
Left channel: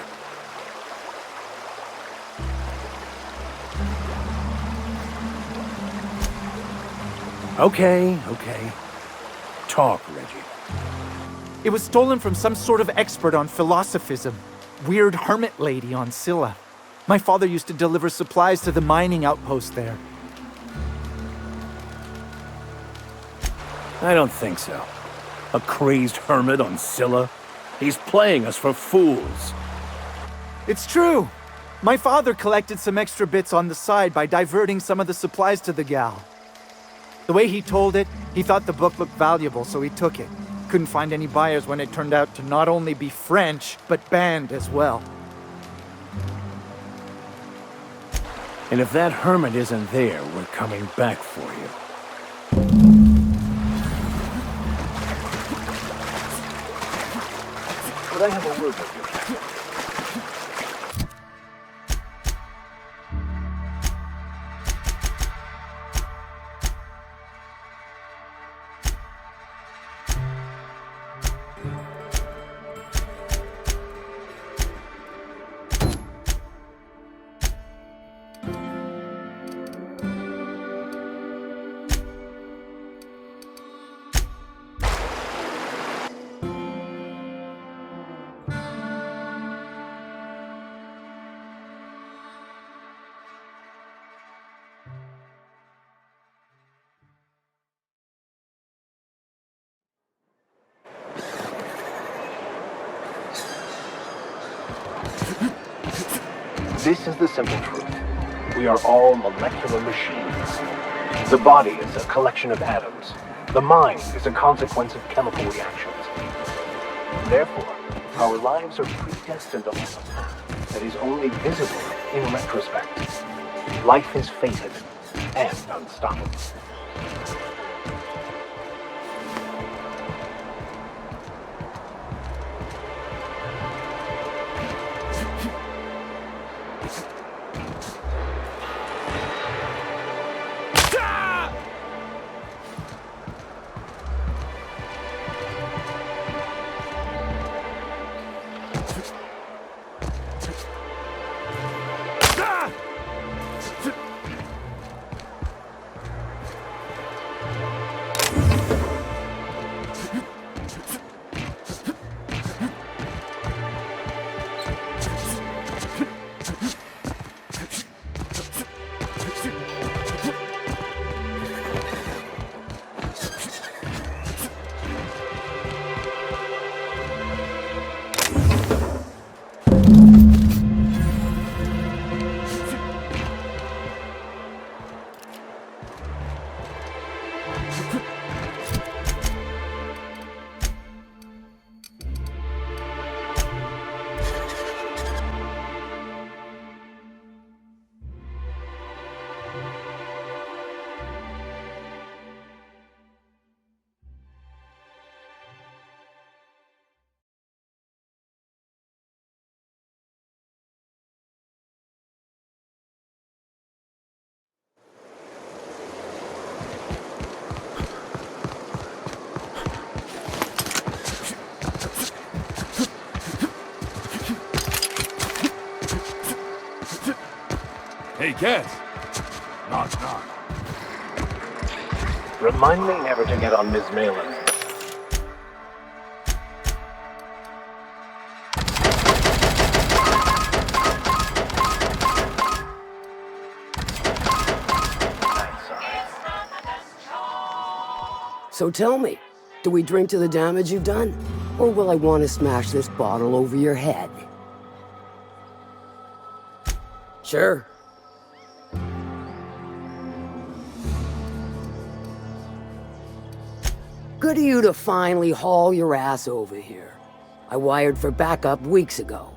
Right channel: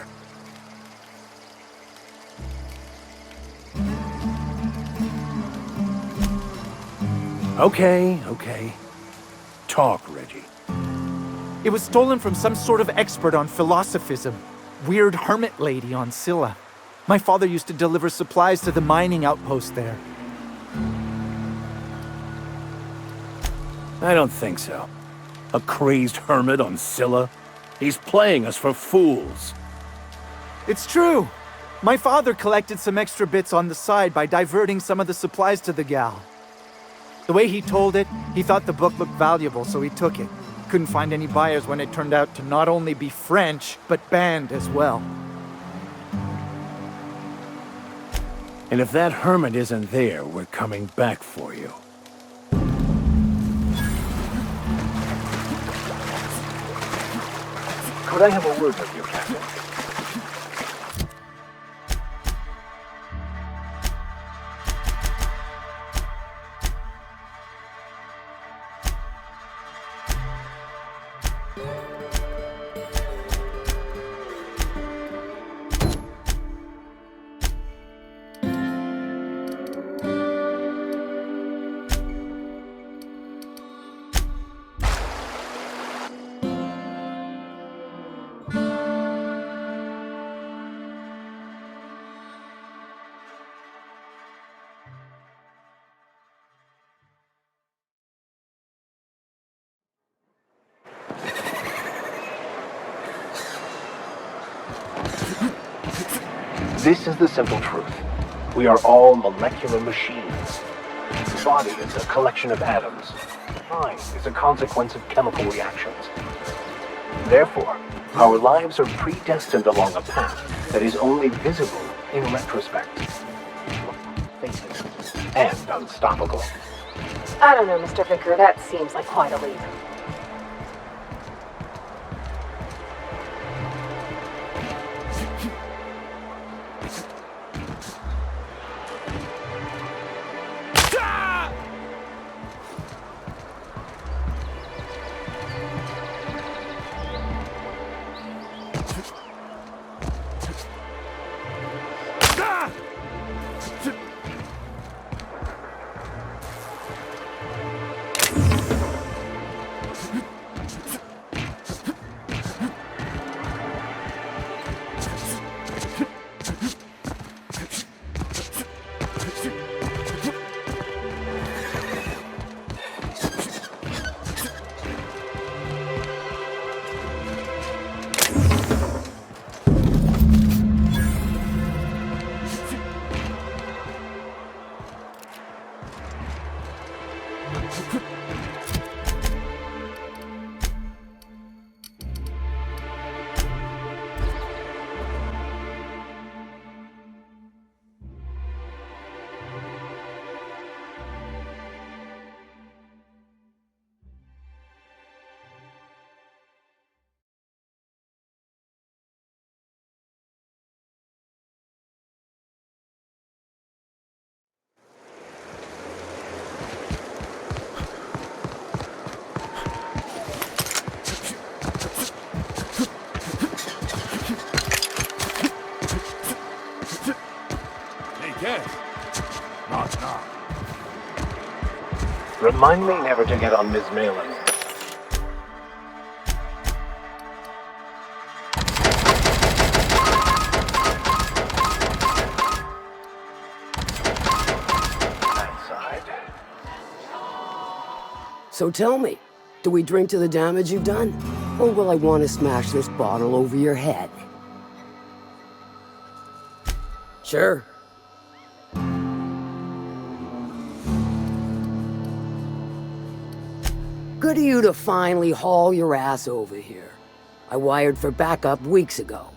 Okay. Talk, Reggie. It was stolen from some sort of expert on philosophism. Weird hermit lady on Scylla. My father used to deliver supplies to the mining outpost there. I don't think so. A crazed hermit on Scylla? He's playing us for fools. It's true. My father collected some extra bits on the side by diverting some of the supplies to the gal. The way he told it, he thought the book looked valuable, so he took it. Couldn't find any buyers when it turned out to not only be French, but banned as well. And if that hermit isn't there, we're coming back for you. Could I have a word with you, Captain? This is the simple truth. We are all molecular machines. The body is a collection of atoms. The mind is a consequence of chemical reactions. Therefore, our lives are predestined along a path that is only visible in retrospect. Life is fated and unstoppable. I don't know, Mr. Vicar. That seems like quite a leap. guess. Knock, knock. Remind me never to get on Ms. Malin. So tell me, do we drink to the damage you've done? Or will I want to smash this bottle over your head? Sure. Good of you to finally haul your ass over here. I wired for backup weeks ago.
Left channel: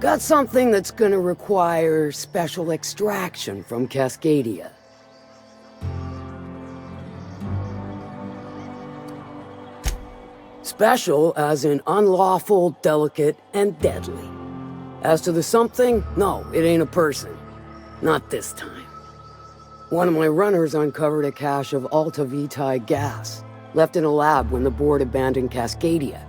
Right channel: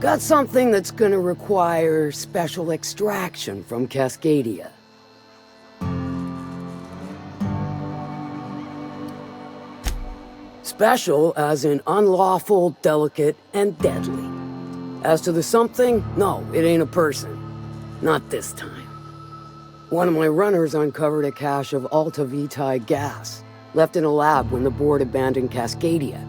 Got something that's gonna require special extraction from Cascadia. Special as in unlawful, delicate, and deadly. As to the something, no, it ain't a person. Not this time. One of my runners uncovered a cache of Alta Vitae gas, left in a lab when the board abandoned Cascadia.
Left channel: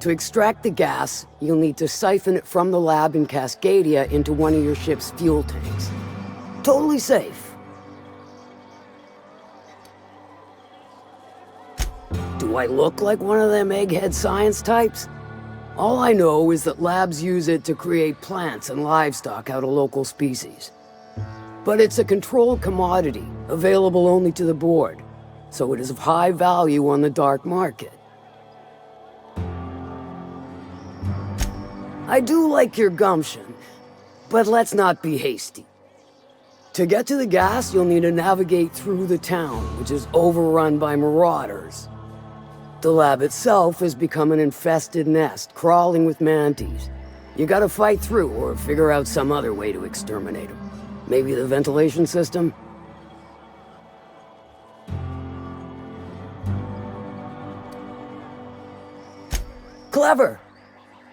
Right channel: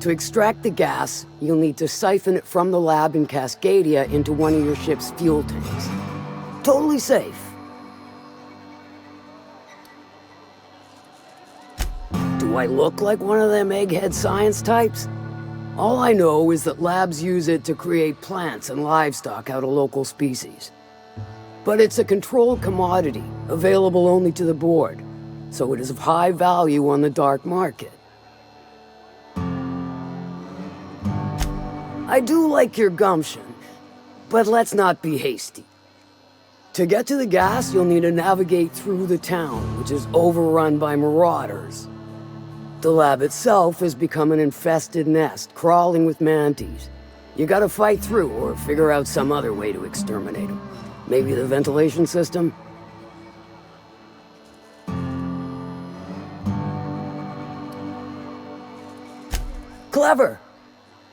To extract the gas, you'll need to siphon it from the lab in Cascadia into one of your ship's fuel tanks. Totally safe. Do I look like one of them egghead science types? All I know is that labs use it to create plants and livestock out of local species. But it's a controlled commodity, available only to the board, so it is of high value on the dark market. I do like your gumption, but let's not be hasty. To get to the gas, you'll need to navigate through the town, which is overrun by marauders. The lab itself has become an infested nest, crawling with mantis. You gotta fight through or figure out some other way to exterminate them. Maybe the ventilation system? Clever!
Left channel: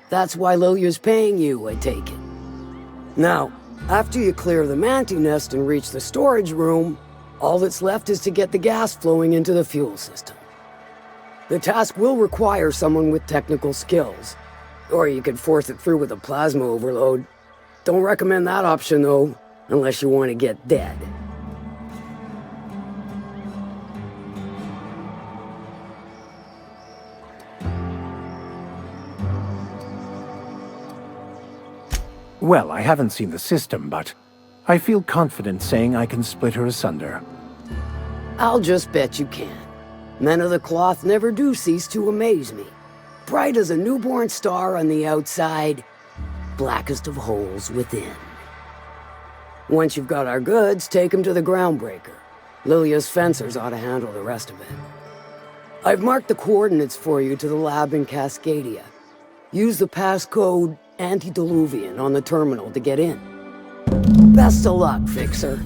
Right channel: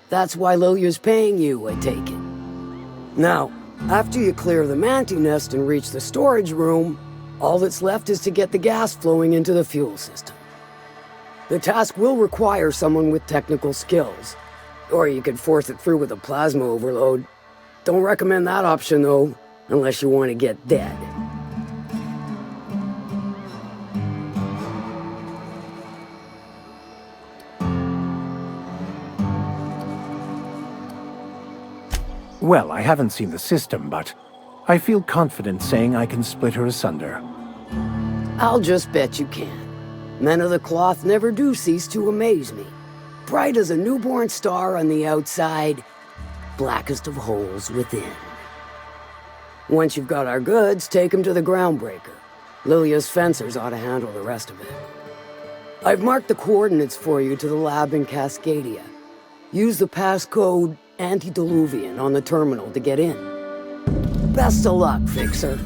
That's why Lilia's paying you, I take it. Now, after you clear the mantis nest and reach the storage room, all that's left is to get the gas flowing into the fuel system. The task will require someone with technical skills, or you could force it through with a plasma overload. Don't recommend that option, though, unless you want to get dead. Well, I haven't seen the system, but I feel confident saying I can split her asunder. I'll just bet you can. Men of the cloth never do cease to amaze me. Bright as a newborn star on the outside, blackest of holes within. Once you've got our goods, take them to the groundbreaker. Lilia's fencers ought to handle the rest of it. I've marked the coordinates for you to the lab in Cascadia. Use the passcode Antediluvian on the terminal to get in. Best of luck, Fixer.